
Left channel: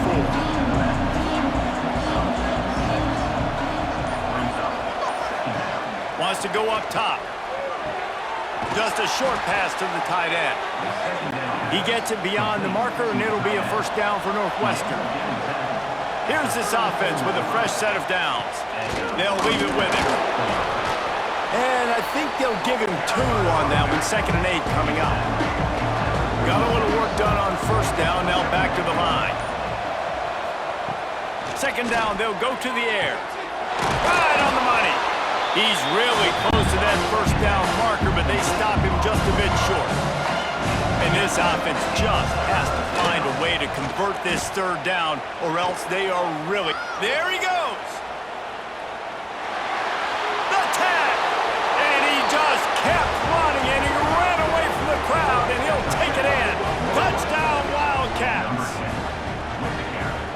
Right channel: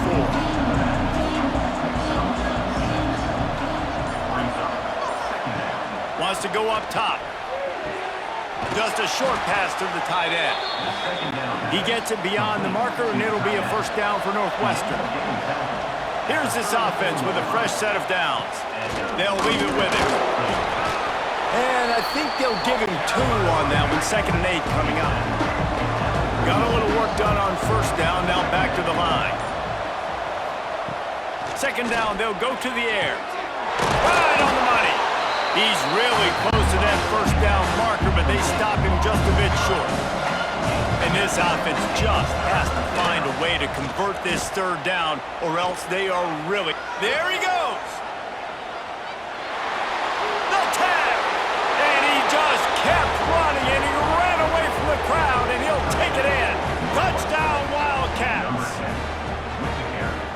4. Wants to go up top. Just a short pass to the tight end. He gets it beyond the marker, and it'll be a first down for Northwestern. Here's this offense with a fresh set of downs. They'll leave it with him. And I think they'll give him 2 on that one, 2nd and 8 coming up. Got a little work done on first down, now back to the line. 2nd down, they'll go to the air. Right on the money. He's really close to that first down marker, but they stop him just a bit short. And this offense just has to find a way to convert this third down, or else they are really... There he goes! The tag! And he just kept running, and he ran away from the crowd, and he'll take it in. Touchdown, Wildcats!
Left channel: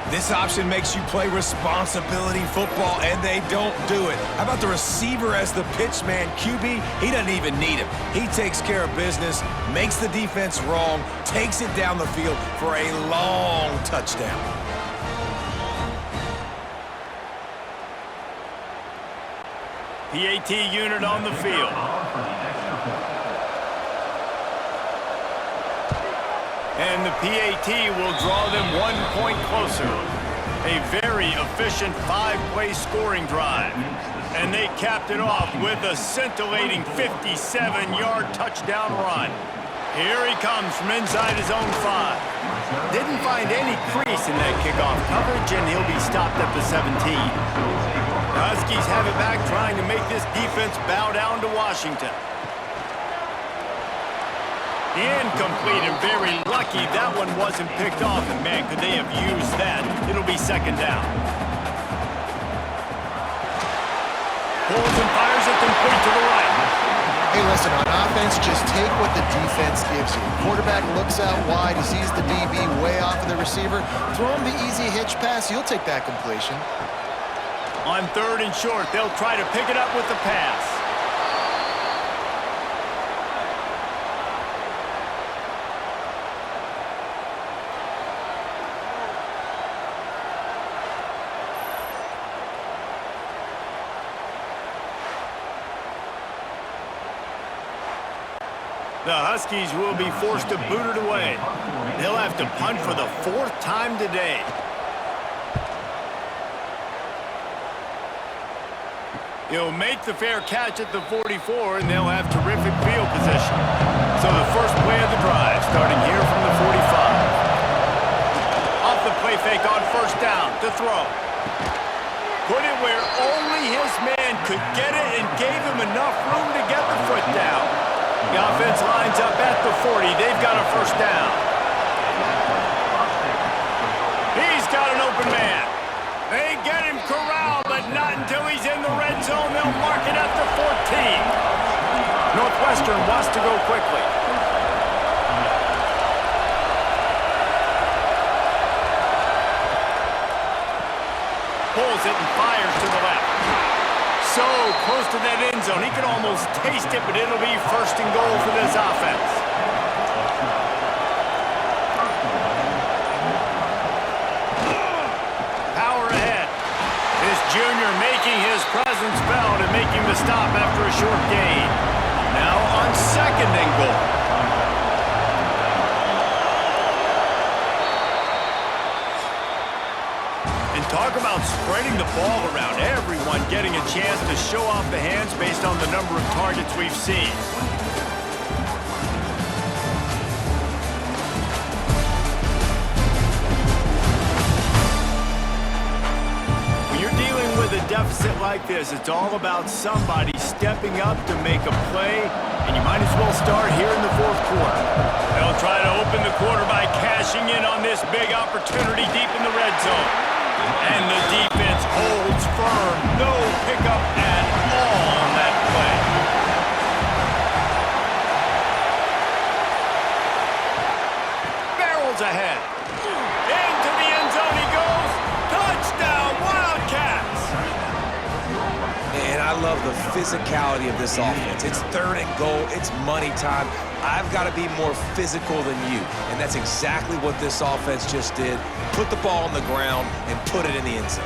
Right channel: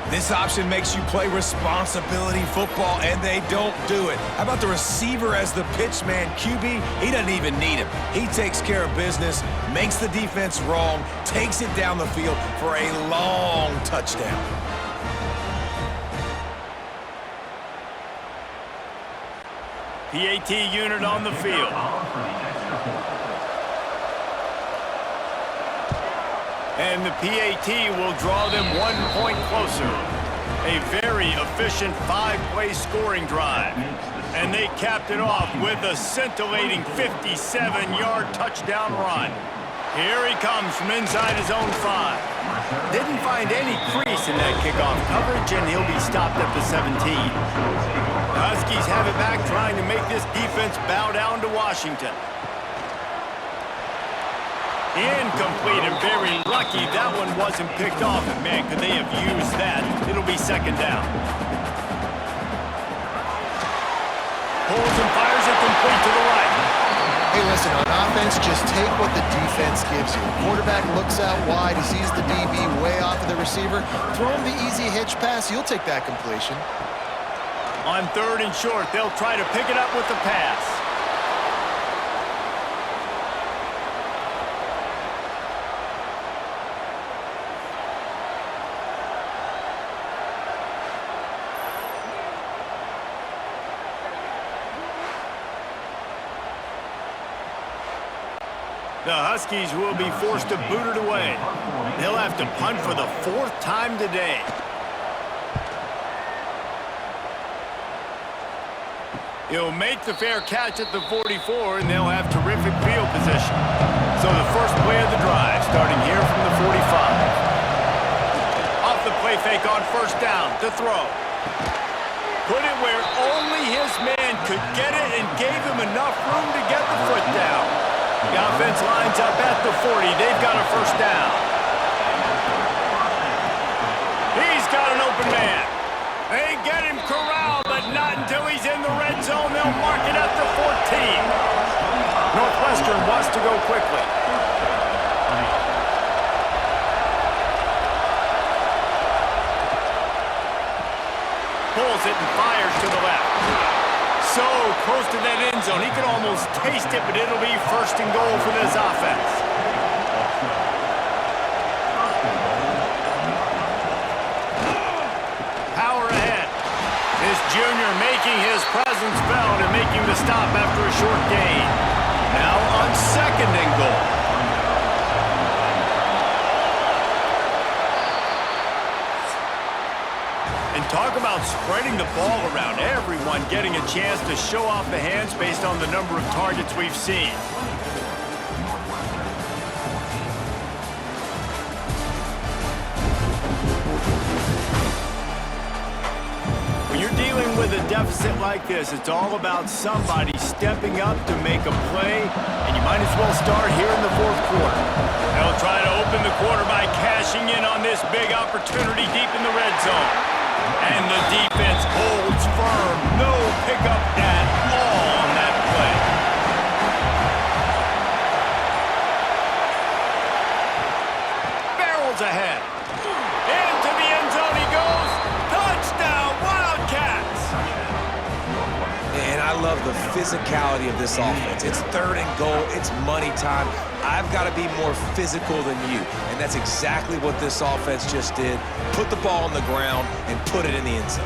This option makes you play responsibility football, and they don't do it. How about the receiver as the pitch man? QB, he doesn't even need him. He takes care of business, makes the defense wrong, takes it down the field for a long touchdown. PAT unit on the field. And the PAT will draw them 1 point closer. A very efficient 5-play scoring drive. And they capped it off with a scintillating 57-yard touchdown run. Here he comes from inside his own 5. Didn't find any crease in that kickoff coverage, and he'll be stopped at the 17. The Huskies have it back, trying to make this defense bow down to Washington. Incomplete, and very lucky that one wasn't picked off. And man, could they have used that. It'll be 2nd down. Pulls and fires it complete to the right. Hey, listen, on offense, just take what the defense gives you. Quarterback looks out wide, he sees the DB way off of the receiver. Throw him the easy hitch pass, you'll take that completion. On 3rd and short, they'll try to pick it up with the pass. The Huskies will be forced to boot it away. They'll have to punt for the 4th time today. He'll make the fair catch at the 44, and they'll have terrific field position. So the first play of the drive, starting here from the 45. Off the play fake on first down to throw. Put it where only his man could get it and gave him enough room to get the foot down. The offense lines up at the 40. They've got a first down. He's got an open man. They get him corralled, but not until he's in the red zone. They'll mark it at the 14. Northwestern wants to go quickly. Pulls it and fires to the left. So close to that end zone. He could almost taste it, but it'll be first and goal for this offense. Power ahead. This junior making his presence felt and making the stop after a short gain. Now on second and goal. And talk about spreading the ball around. Everyone getting a chance to show off the hands based on the number of targets we've seen. When you're dealing with a deficit like this, it's all about somebody stepping up to make a play, and you might as well start here in the 4th quarter. They'll try to open the quarter by cashing in on this big opportunity deep in the red zone. And the defense holds firm. No pickup at all on that play. Barrels ahead. Into the end zone he goes. Touchdown, Wildcats! And I love the physicality of this offense. It's 3rd and goal. It's money time. I've got to be more physical than you. And that's exactly what this offense just did. Put the ball on the ground and put it in the end zone.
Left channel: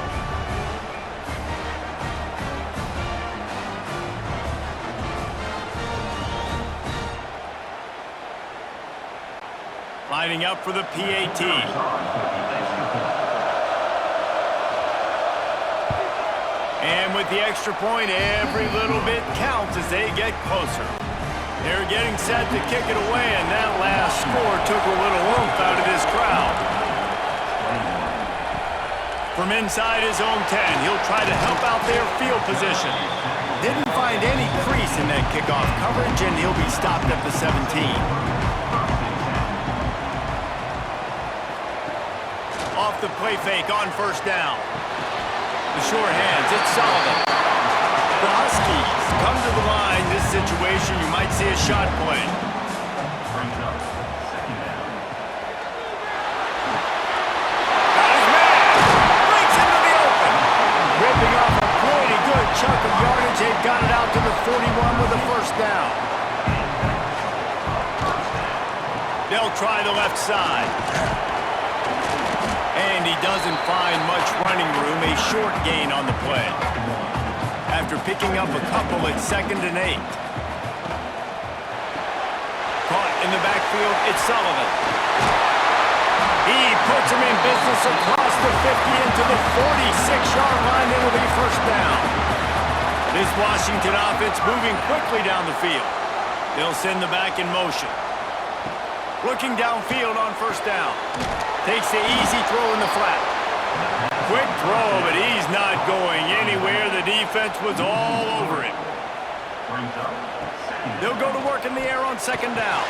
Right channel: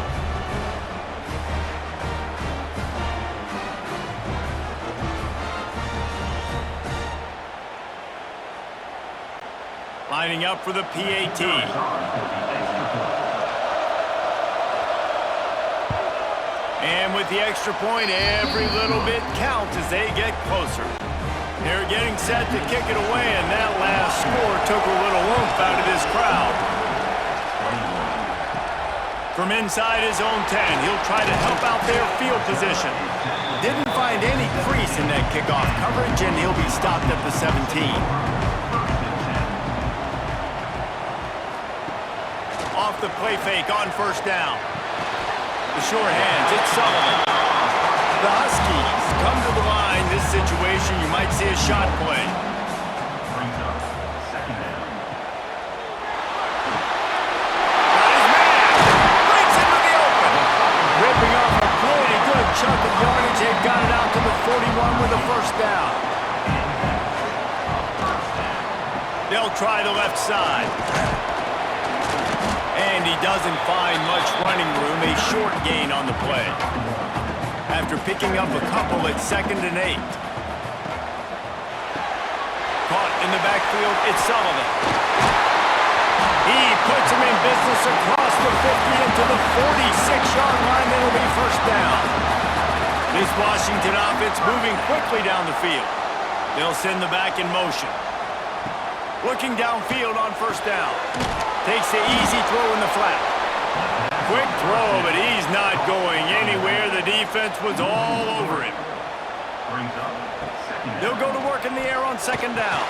Lining up for the PAT. And with the extra point, every little bit counts as they get closer. They're getting set to kick it away, and that last score took a little oomph out of this crowd. From inside his own 10, he'll try to help out their field position. Didn't find any crease in that kickoff coverage, and he'll be stopped at the 17. Off the play fake on first down. The short hands, it's Sullivan. The Huskies come to the line. This situation, you might see a shot play. Brings up second down. Got his man. Breaks into the open. Ripping off a pretty good chunk of yardage. They've got it out to the 41 with a first down. They'll try the left side. And he doesn't find much running room. A short gain on the play. After picking up a couple at 2nd and 8. Caught in the backfield, it's Sullivan. He puts him in business across the 50 into the 46-yard line. It'll be first down. This Washington offense moving quickly down the field. They'll send the back in motion. Looking downfield on first down. Takes the easy throw in the flat. Quick throw, but he's not going anywhere. The defense was all over him. They'll go to work in the air on second down.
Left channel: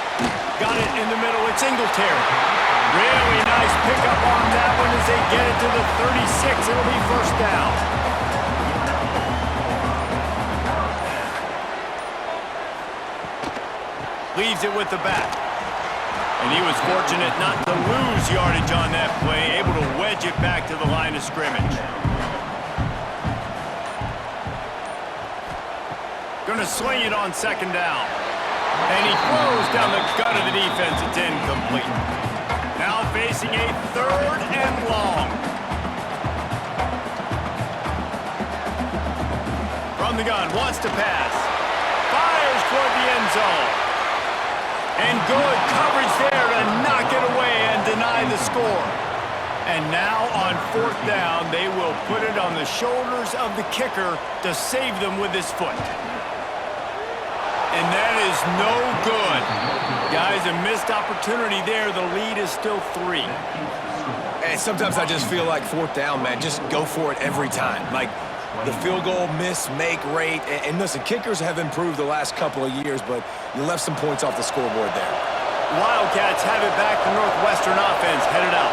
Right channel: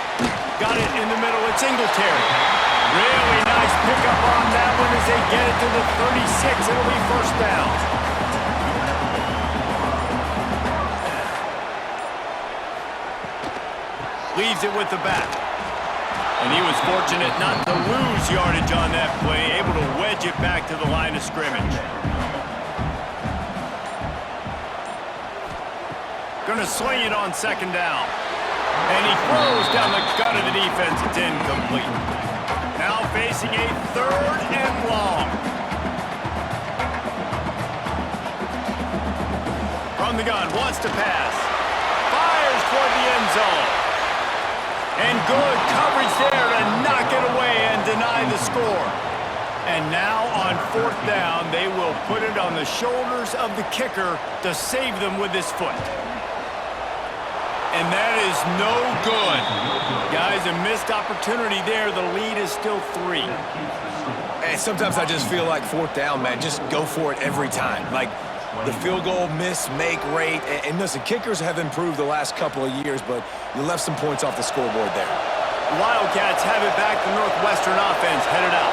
Got it in the middle. It's Singletary. Really nice pickup on that one as they get it to the 36. It'll be first down. Leaves it with the back. And he was fortunate not to lose yardage on that play, able to wedge it back to the line of scrimmage. Gonna sling it on second down. And he throws down the gut of the defense. It's incomplete. Now facing a 3rd and long. From the gun, wants to pass. Fires toward the end zone. And good coverage there to knock it away and deny the score. And now on 4th down, they will put it on the shoulders of the kicker to save them with his foot. And that is no good. Guys, a missed opportunity there. The lead is still 3. And sometimes I just feel like 4th down, man, just go for it every time. Like the field goal miss, make rate. And listen, kickers have improved the last couple of years, but you left some points off the scoreboard there. Wildcats have it back. The Northwestern offense headed out.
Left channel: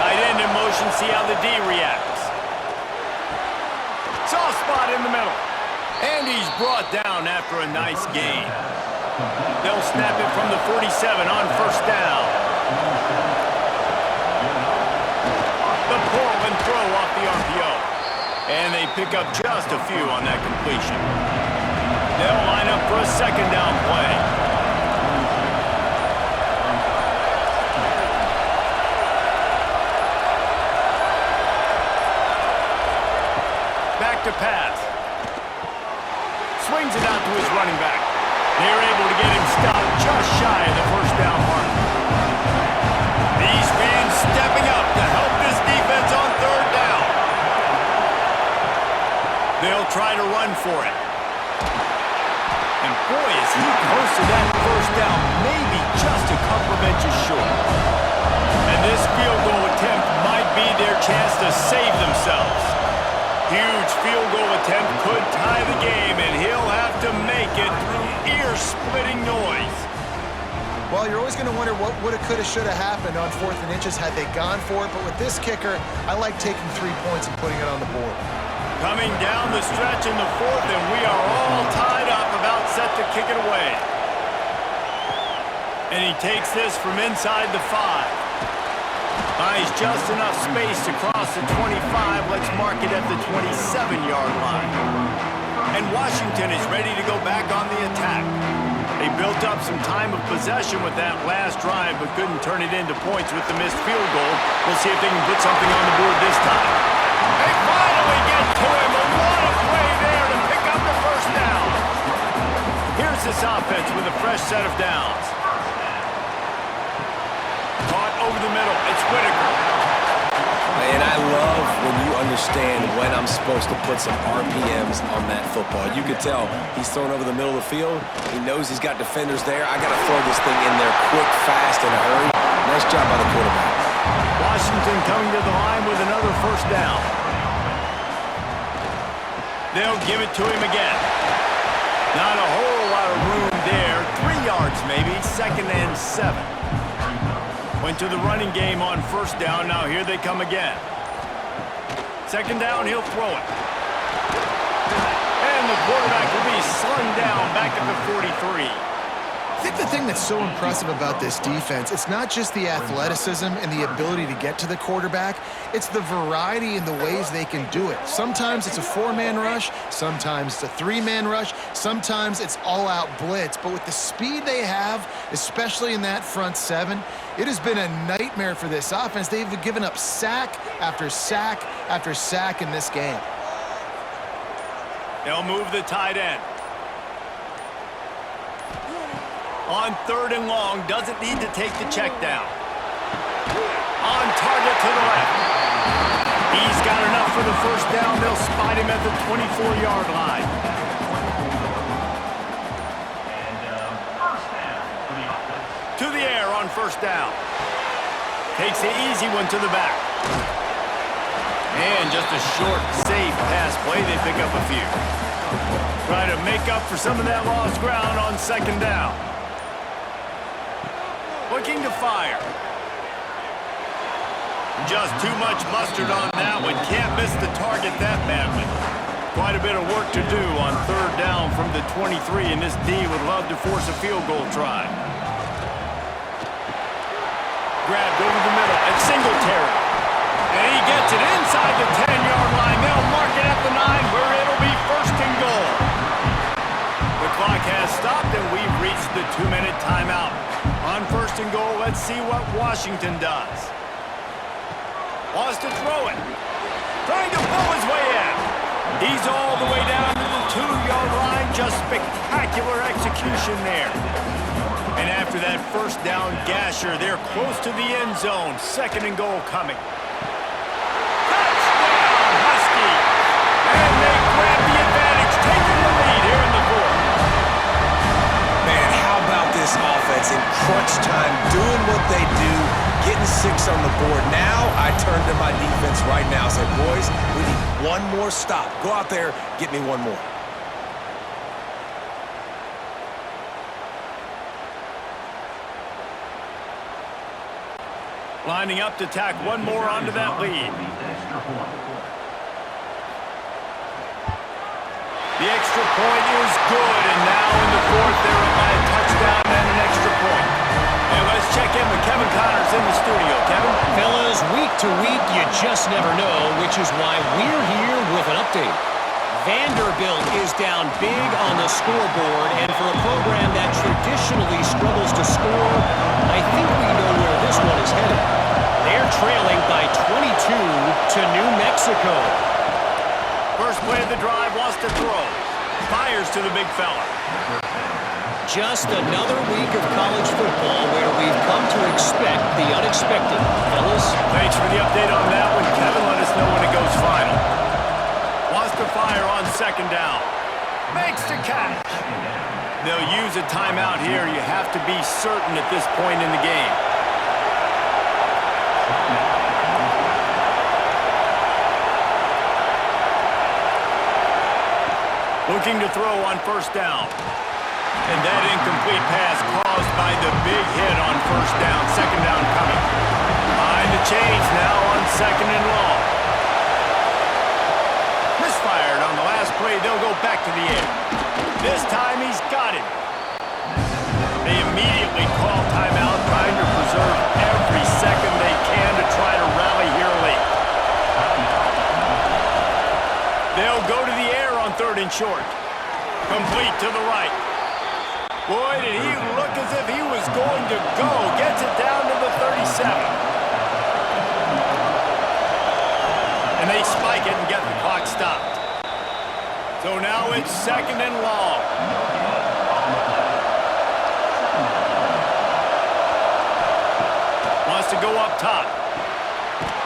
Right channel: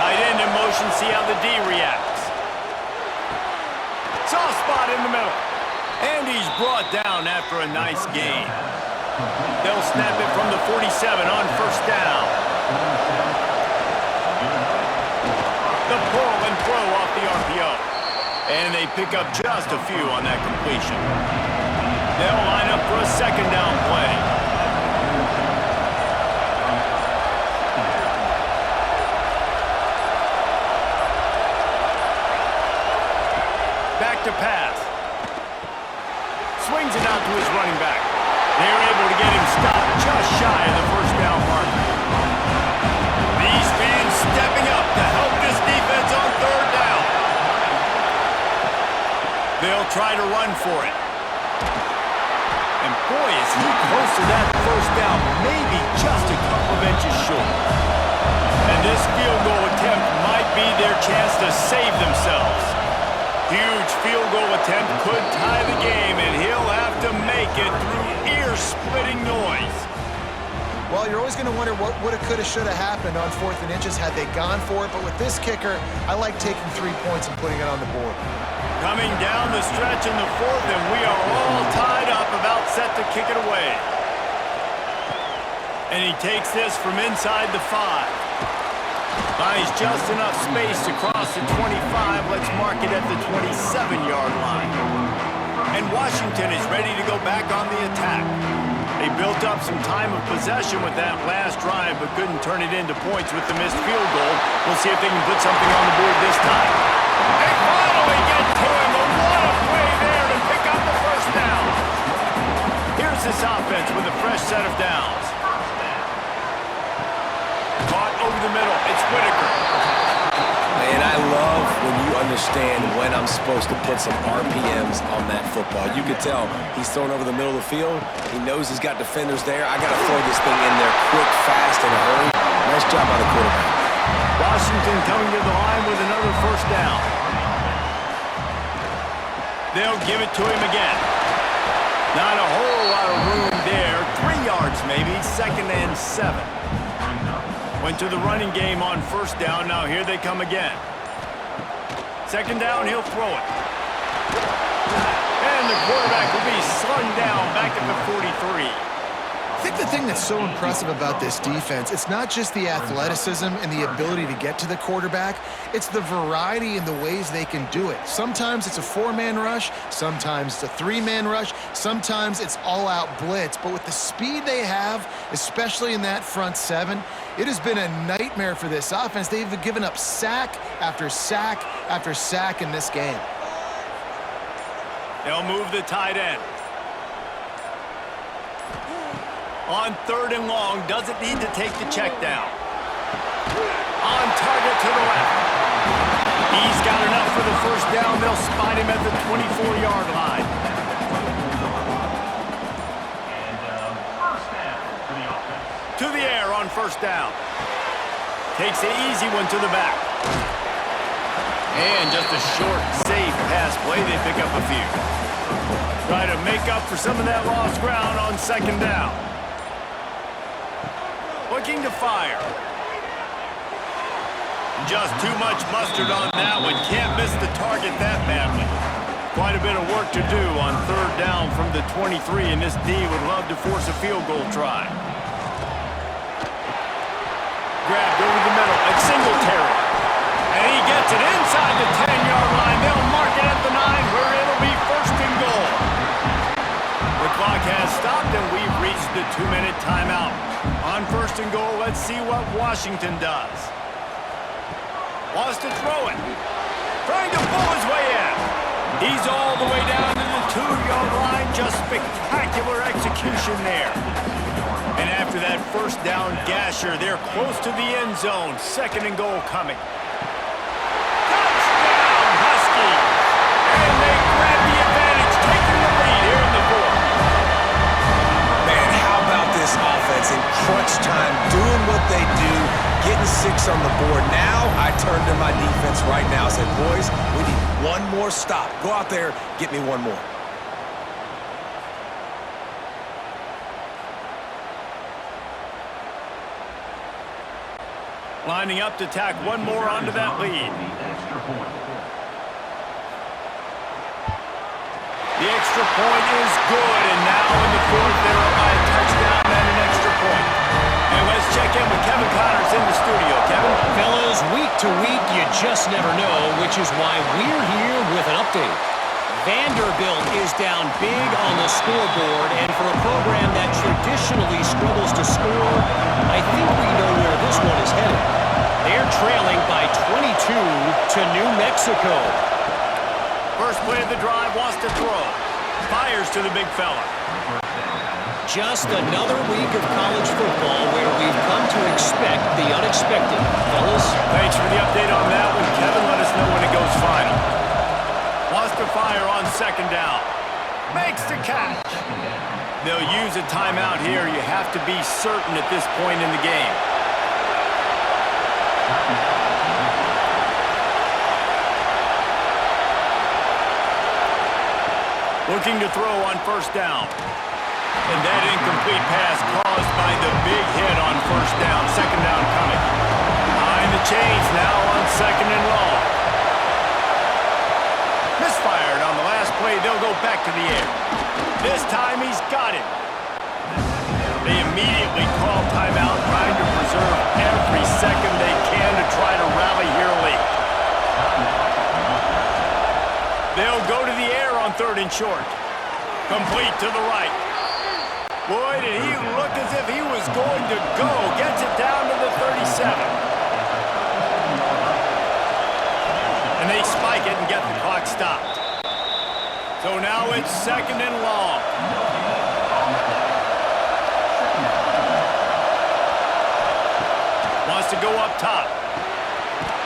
Tight end in motion, see how the D reacts. Soft spot in the middle. And he's brought down after a nice gain. They'll snap it from the 47 on 1st down. The pull and throw off the RPO. And they pick up just a few on that completion. They'll line up for a 2nd down play. Back to pass. Swings it out to his running back. They're able to get him stopped just shy of the 1st down mark. These fans stepping up to help this defense on 3rd down. They'll try to run for it. And boy, is he close to that 1st down, maybe just a couple of inches short. And this field goal attempt might be their chance to save themselves. Huge field goal attempt could tie the game, and he'll have to make it through ear-splitting noise. Well, you're always going to wonder what woulda, coulda, shoulda happened on 4th and inches had they gone for it. But with this kicker, I like taking 3 points and putting it on the board. Coming down the stretch in the 4th, and we are all tied up, about set to kick it away. And he takes this from inside the 5. Finds just enough space to cross the 25. Let's mark it at the 27-yard line. And Washington is ready to go back on the attack. They built up some time of possession with that last drive, but couldn't turn it into points with the missed field goal. We'll see if they can put something on the board this time. They finally get to him, but what a play there to pick up the 1st down. Here's this offense with a fresh set of downs. Caught over the middle. It's Whitaker. And I love when you understand when I'm supposed to put some RPMs on that football. You could tell he's thrown over the middle of the field. He knows he's got defenders there. I got to throw this thing in there quick, fast, in a hurry. Nice job by the quarterback. Washington coming to the line with another 1st down. They'll give it to him again. Not a whole lot of room there. 3 yards maybe. 2nd and 7. Went to the running game on 1st down. Now here they come again. 2nd down, he'll throw it. And the quarterback will be slung down back at the 43. I think the thing that's so impressive about this defense, it's not just the athleticism and the ability to get to the quarterback, it's the variety in the ways they can do it. Sometimes it's a 4-man rush, sometimes it's a 3-man rush, sometimes it's all-out blitz. But with the speed they have, especially in that front 7, it has been a nightmare for this offense. They've given up sack after sack after sack in this game. They'll move the tight end. On 3rd and long, doesn't need to take the check down. On target to the left. He's got enough for the 1st down. They'll spot him at the 24-yard line. And 1st down for the offense. To the air on 1st down. Takes the easy one to the back. And just a short, safe pass play. They pick up a few. Try to make up for some of that lost ground on 2nd down. Looking to fire. Just too much mustard on that one. Can't miss the target that badly. Quite a bit of work to do on 3rd down from the 23, and this D would love to force a field goal try. Grabbed over the middle at Singletary. And he gets it inside the 10-yard line. They'll mark it at the 9 where it'll be 1st and goal. The clock has stopped, and we've reached the 2-minute timeout. On 1st and goal, let's see what Washington does. Wants to throw it. Trying to pull his way in. He's all the way down to the 2-yard line. Just spectacular execution there. And after that first down gasher, they're close to the end zone. 2nd and goal coming. Touchdown, Huskies! And they grab the advantage, taking the lead here in the 4th. Man, how about this offense in crunch time, doing what they do, getting 6 on the board. Now I turn to my defense right now and say, boys, we need one more stop. Go out there, get me one more. Lining up to tack one more onto that lead. The extra point is good, and now in the 4th, they're up by a touchdown and an extra point. And let's check in with Kevin Connors in the studio. Kevin? Fellas, week to week, you just never know, which is why we're here with an update. Vanderbilt is down big on the scoreboard, and for a program that traditionally struggles to score, I think we know where this one is headed. They're trailing by 22 to New Mexico. First play of the drive, wants to throw. Fires to the big fella. Just another week of college football where we've come to expect the unexpected. Fellas? Thanks for the update on that one, Kevin. Let us know when it goes final. Wants to fire on 2nd down. Makes the catch. They'll use a timeout here. You have to be certain at this point in the game. Looking to throw on 1st down. And that incomplete pass caused by the big hit on 1st down. 2nd down coming. Behind the chains now on 2nd and long. Misfired on the last play. They'll go back to the air. This time he's got him. They immediately call timeout, trying to preserve every second they can to try to rally here late. They'll go to the air on 3rd and short. Complete to the right. Boy, did he look as if he was going to go. Gets it down to the 37. And they spike it and get the clock stopped. So now it's 2nd and long. Wants to go up top.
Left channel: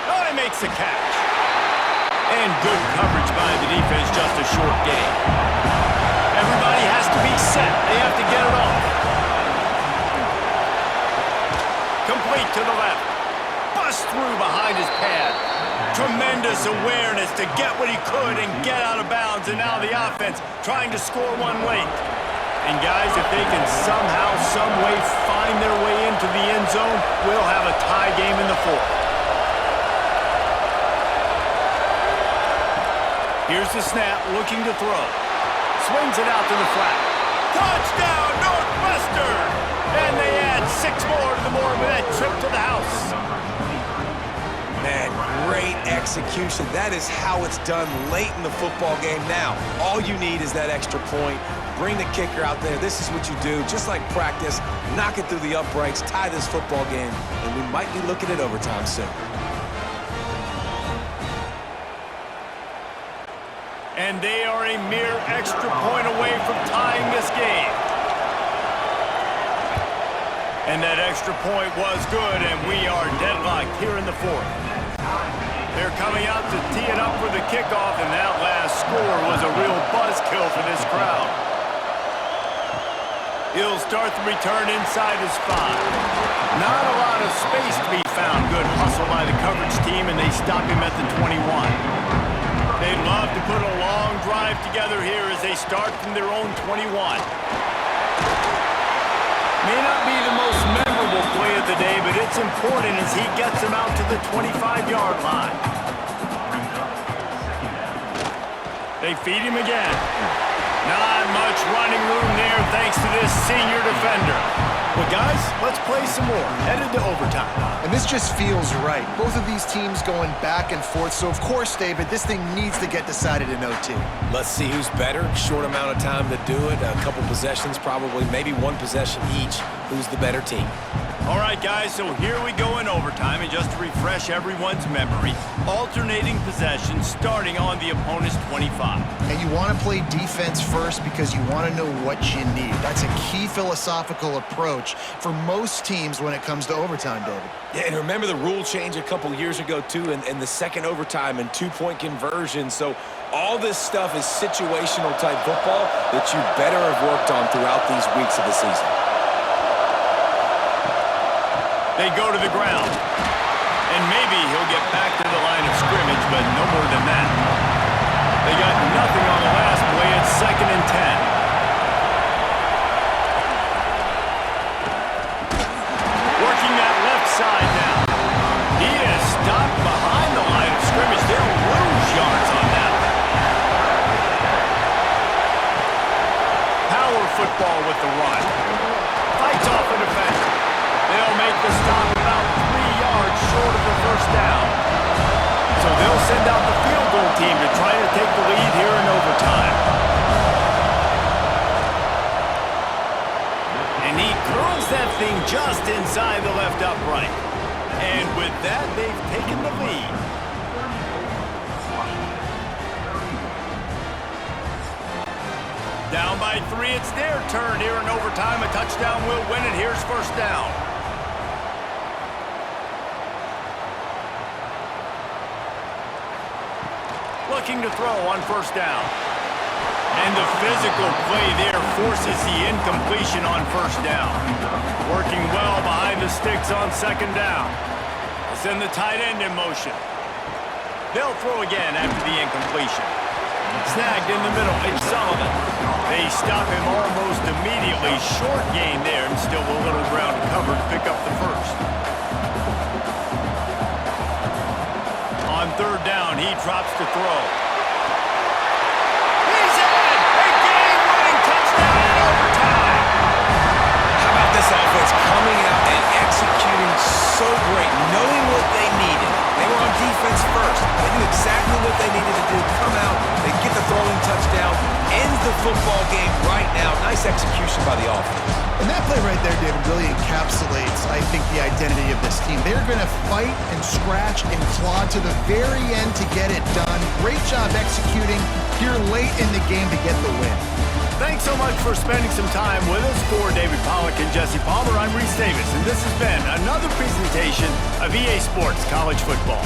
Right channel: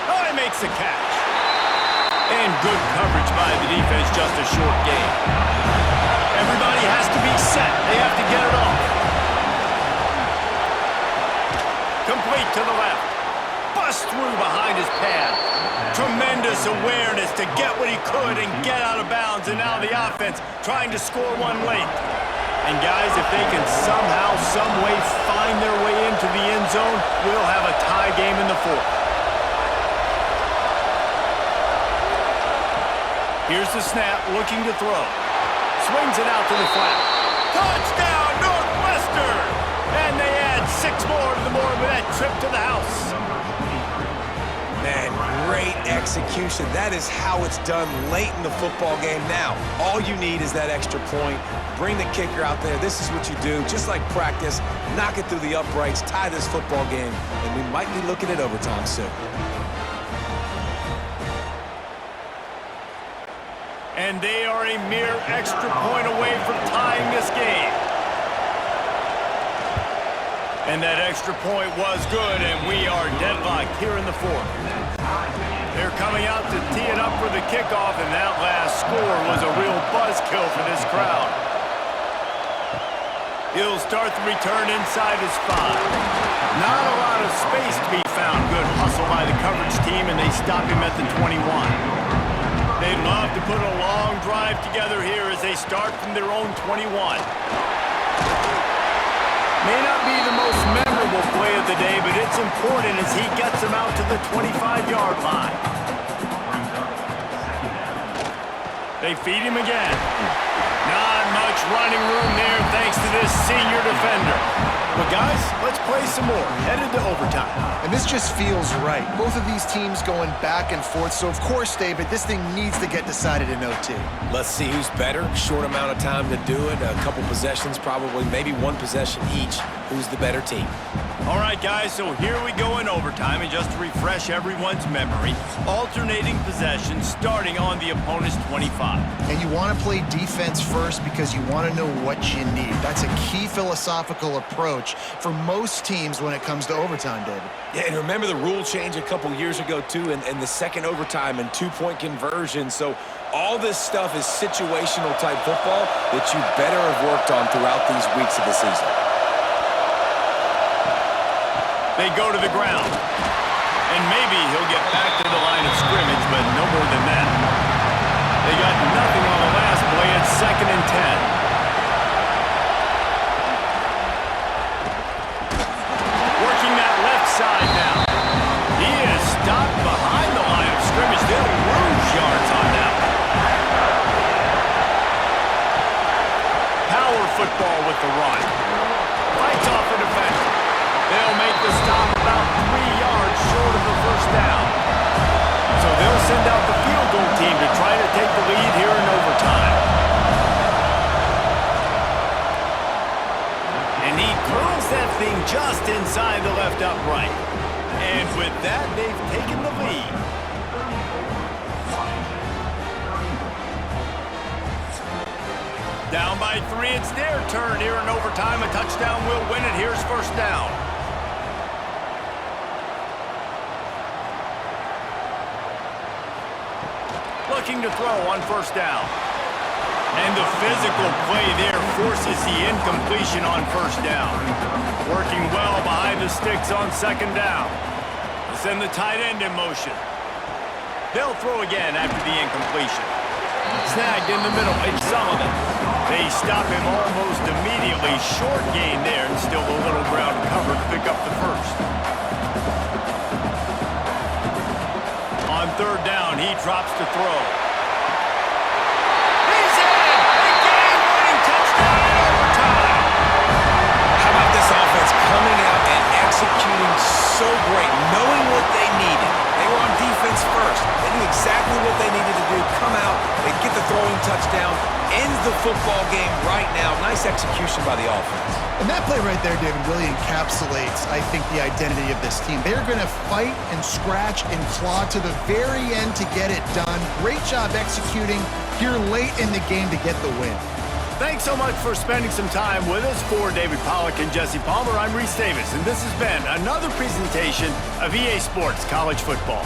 Oh, he makes the catch. And good coverage by the defense, just a short gain. Everybody has to be set. They have to get it off. Complete to the left. Bust through behind his pad. Tremendous awareness to get what he could and get out of bounds. And now the offense trying to score one late. And guys, if they can somehow, some way find their way into the end zone, we'll have a tie game in the 4th. Here's the snap, looking to throw. Swings it out to the flat. Touchdown, Northwestern! And they add 6 more to the board with that trip to the house. Man, great execution. That is how it's done late in the football game. Now, all you need is that extra point. Bring the kicker out there. This is what you do. Just like practice, knock it through the uprights, tie this football game, and we might be looking at overtime soon. And they are a mere extra point away from tying this game. And that extra point was good, and we are deadlocked here in the 4th. They're coming out to tee it up for the kickoff, and that last score was a real buzzkill for this crowd. He'll start the return inside his 5. Not a lot of space to be found. Good hustle by the coverage team, and they stop him at the 21. They'd love to put a long drive together here as they start from their own 21. May not be the most memorable play of the day, but it's important as he gets them out to the 25-yard line. They feed him again. Not much running room there thanks to this senior defender. Well, guys, let's play some more. Headed to overtime. And this just feels right. Both of these teams going back and forth. So, of course, David, this thing needs to get decided in OT. Let's see who's better. Short amount of time to do it. A couple possessions, probably maybe one possession each. Who's the better team? All right, guys, so here we go in overtime, and just to refresh everyone's memory, alternating possession starting on the opponent's 25. And you want to play defense first because you want to know what you need. That's a key philosophical approach for most teams when it comes to overtime, David. Yeah, and remember the rule change a couple years ago, too, and the second overtime and two-point conversion. So all this stuff is situational type football that you better have worked on throughout these weeks of the season. They go to the ground. And maybe he'll get back to the line of scrimmage, but no more than that. They got nothing on the last play. It's 2nd and 10. Working that left side now. He is stopped behind the line of scrimmage. They'll lose yards on that one. Power football with the run. Fights off a defender. They'll make the stop about 3 yards short of the first down. So they'll send out the field goal team to try to take the lead here in overtime. And he curls that thing just inside the left upright. And with that, they've taken the lead. Down by 3, it's their turn here in overtime. A touchdown will win it. Here's first down. Looking to throw on first down. And the physical play there forces the incompletion on first down. Working well behind the sticks on second down. They'll send the tight end in motion. They'll throw again after the incompletion. Snagged in the middle, it's Sullivan. They stop him almost immediately. Short gain there, and still a little ground cover to pick up the first. On third down, he drops to throw. He's in! A game-winning touchdown in overtime! How about this offense coming out and executing so great, knowing what they needed? They were on defense first. They knew exactly what they needed to do. Come out, they get the throwing touchdown, ends the football game right now. Nice execution by the offense. And that play right there, David, really encapsulates, I think, the identity of this team. They're going to fight and scratch and claw to the very end to get it done. Great job executing here late in the game to get the win. Thanks so much for spending some time with us. For David Pollack and Jesse Palmer, I'm Reese Davis, and this has been another presentation of EA Sports College Football.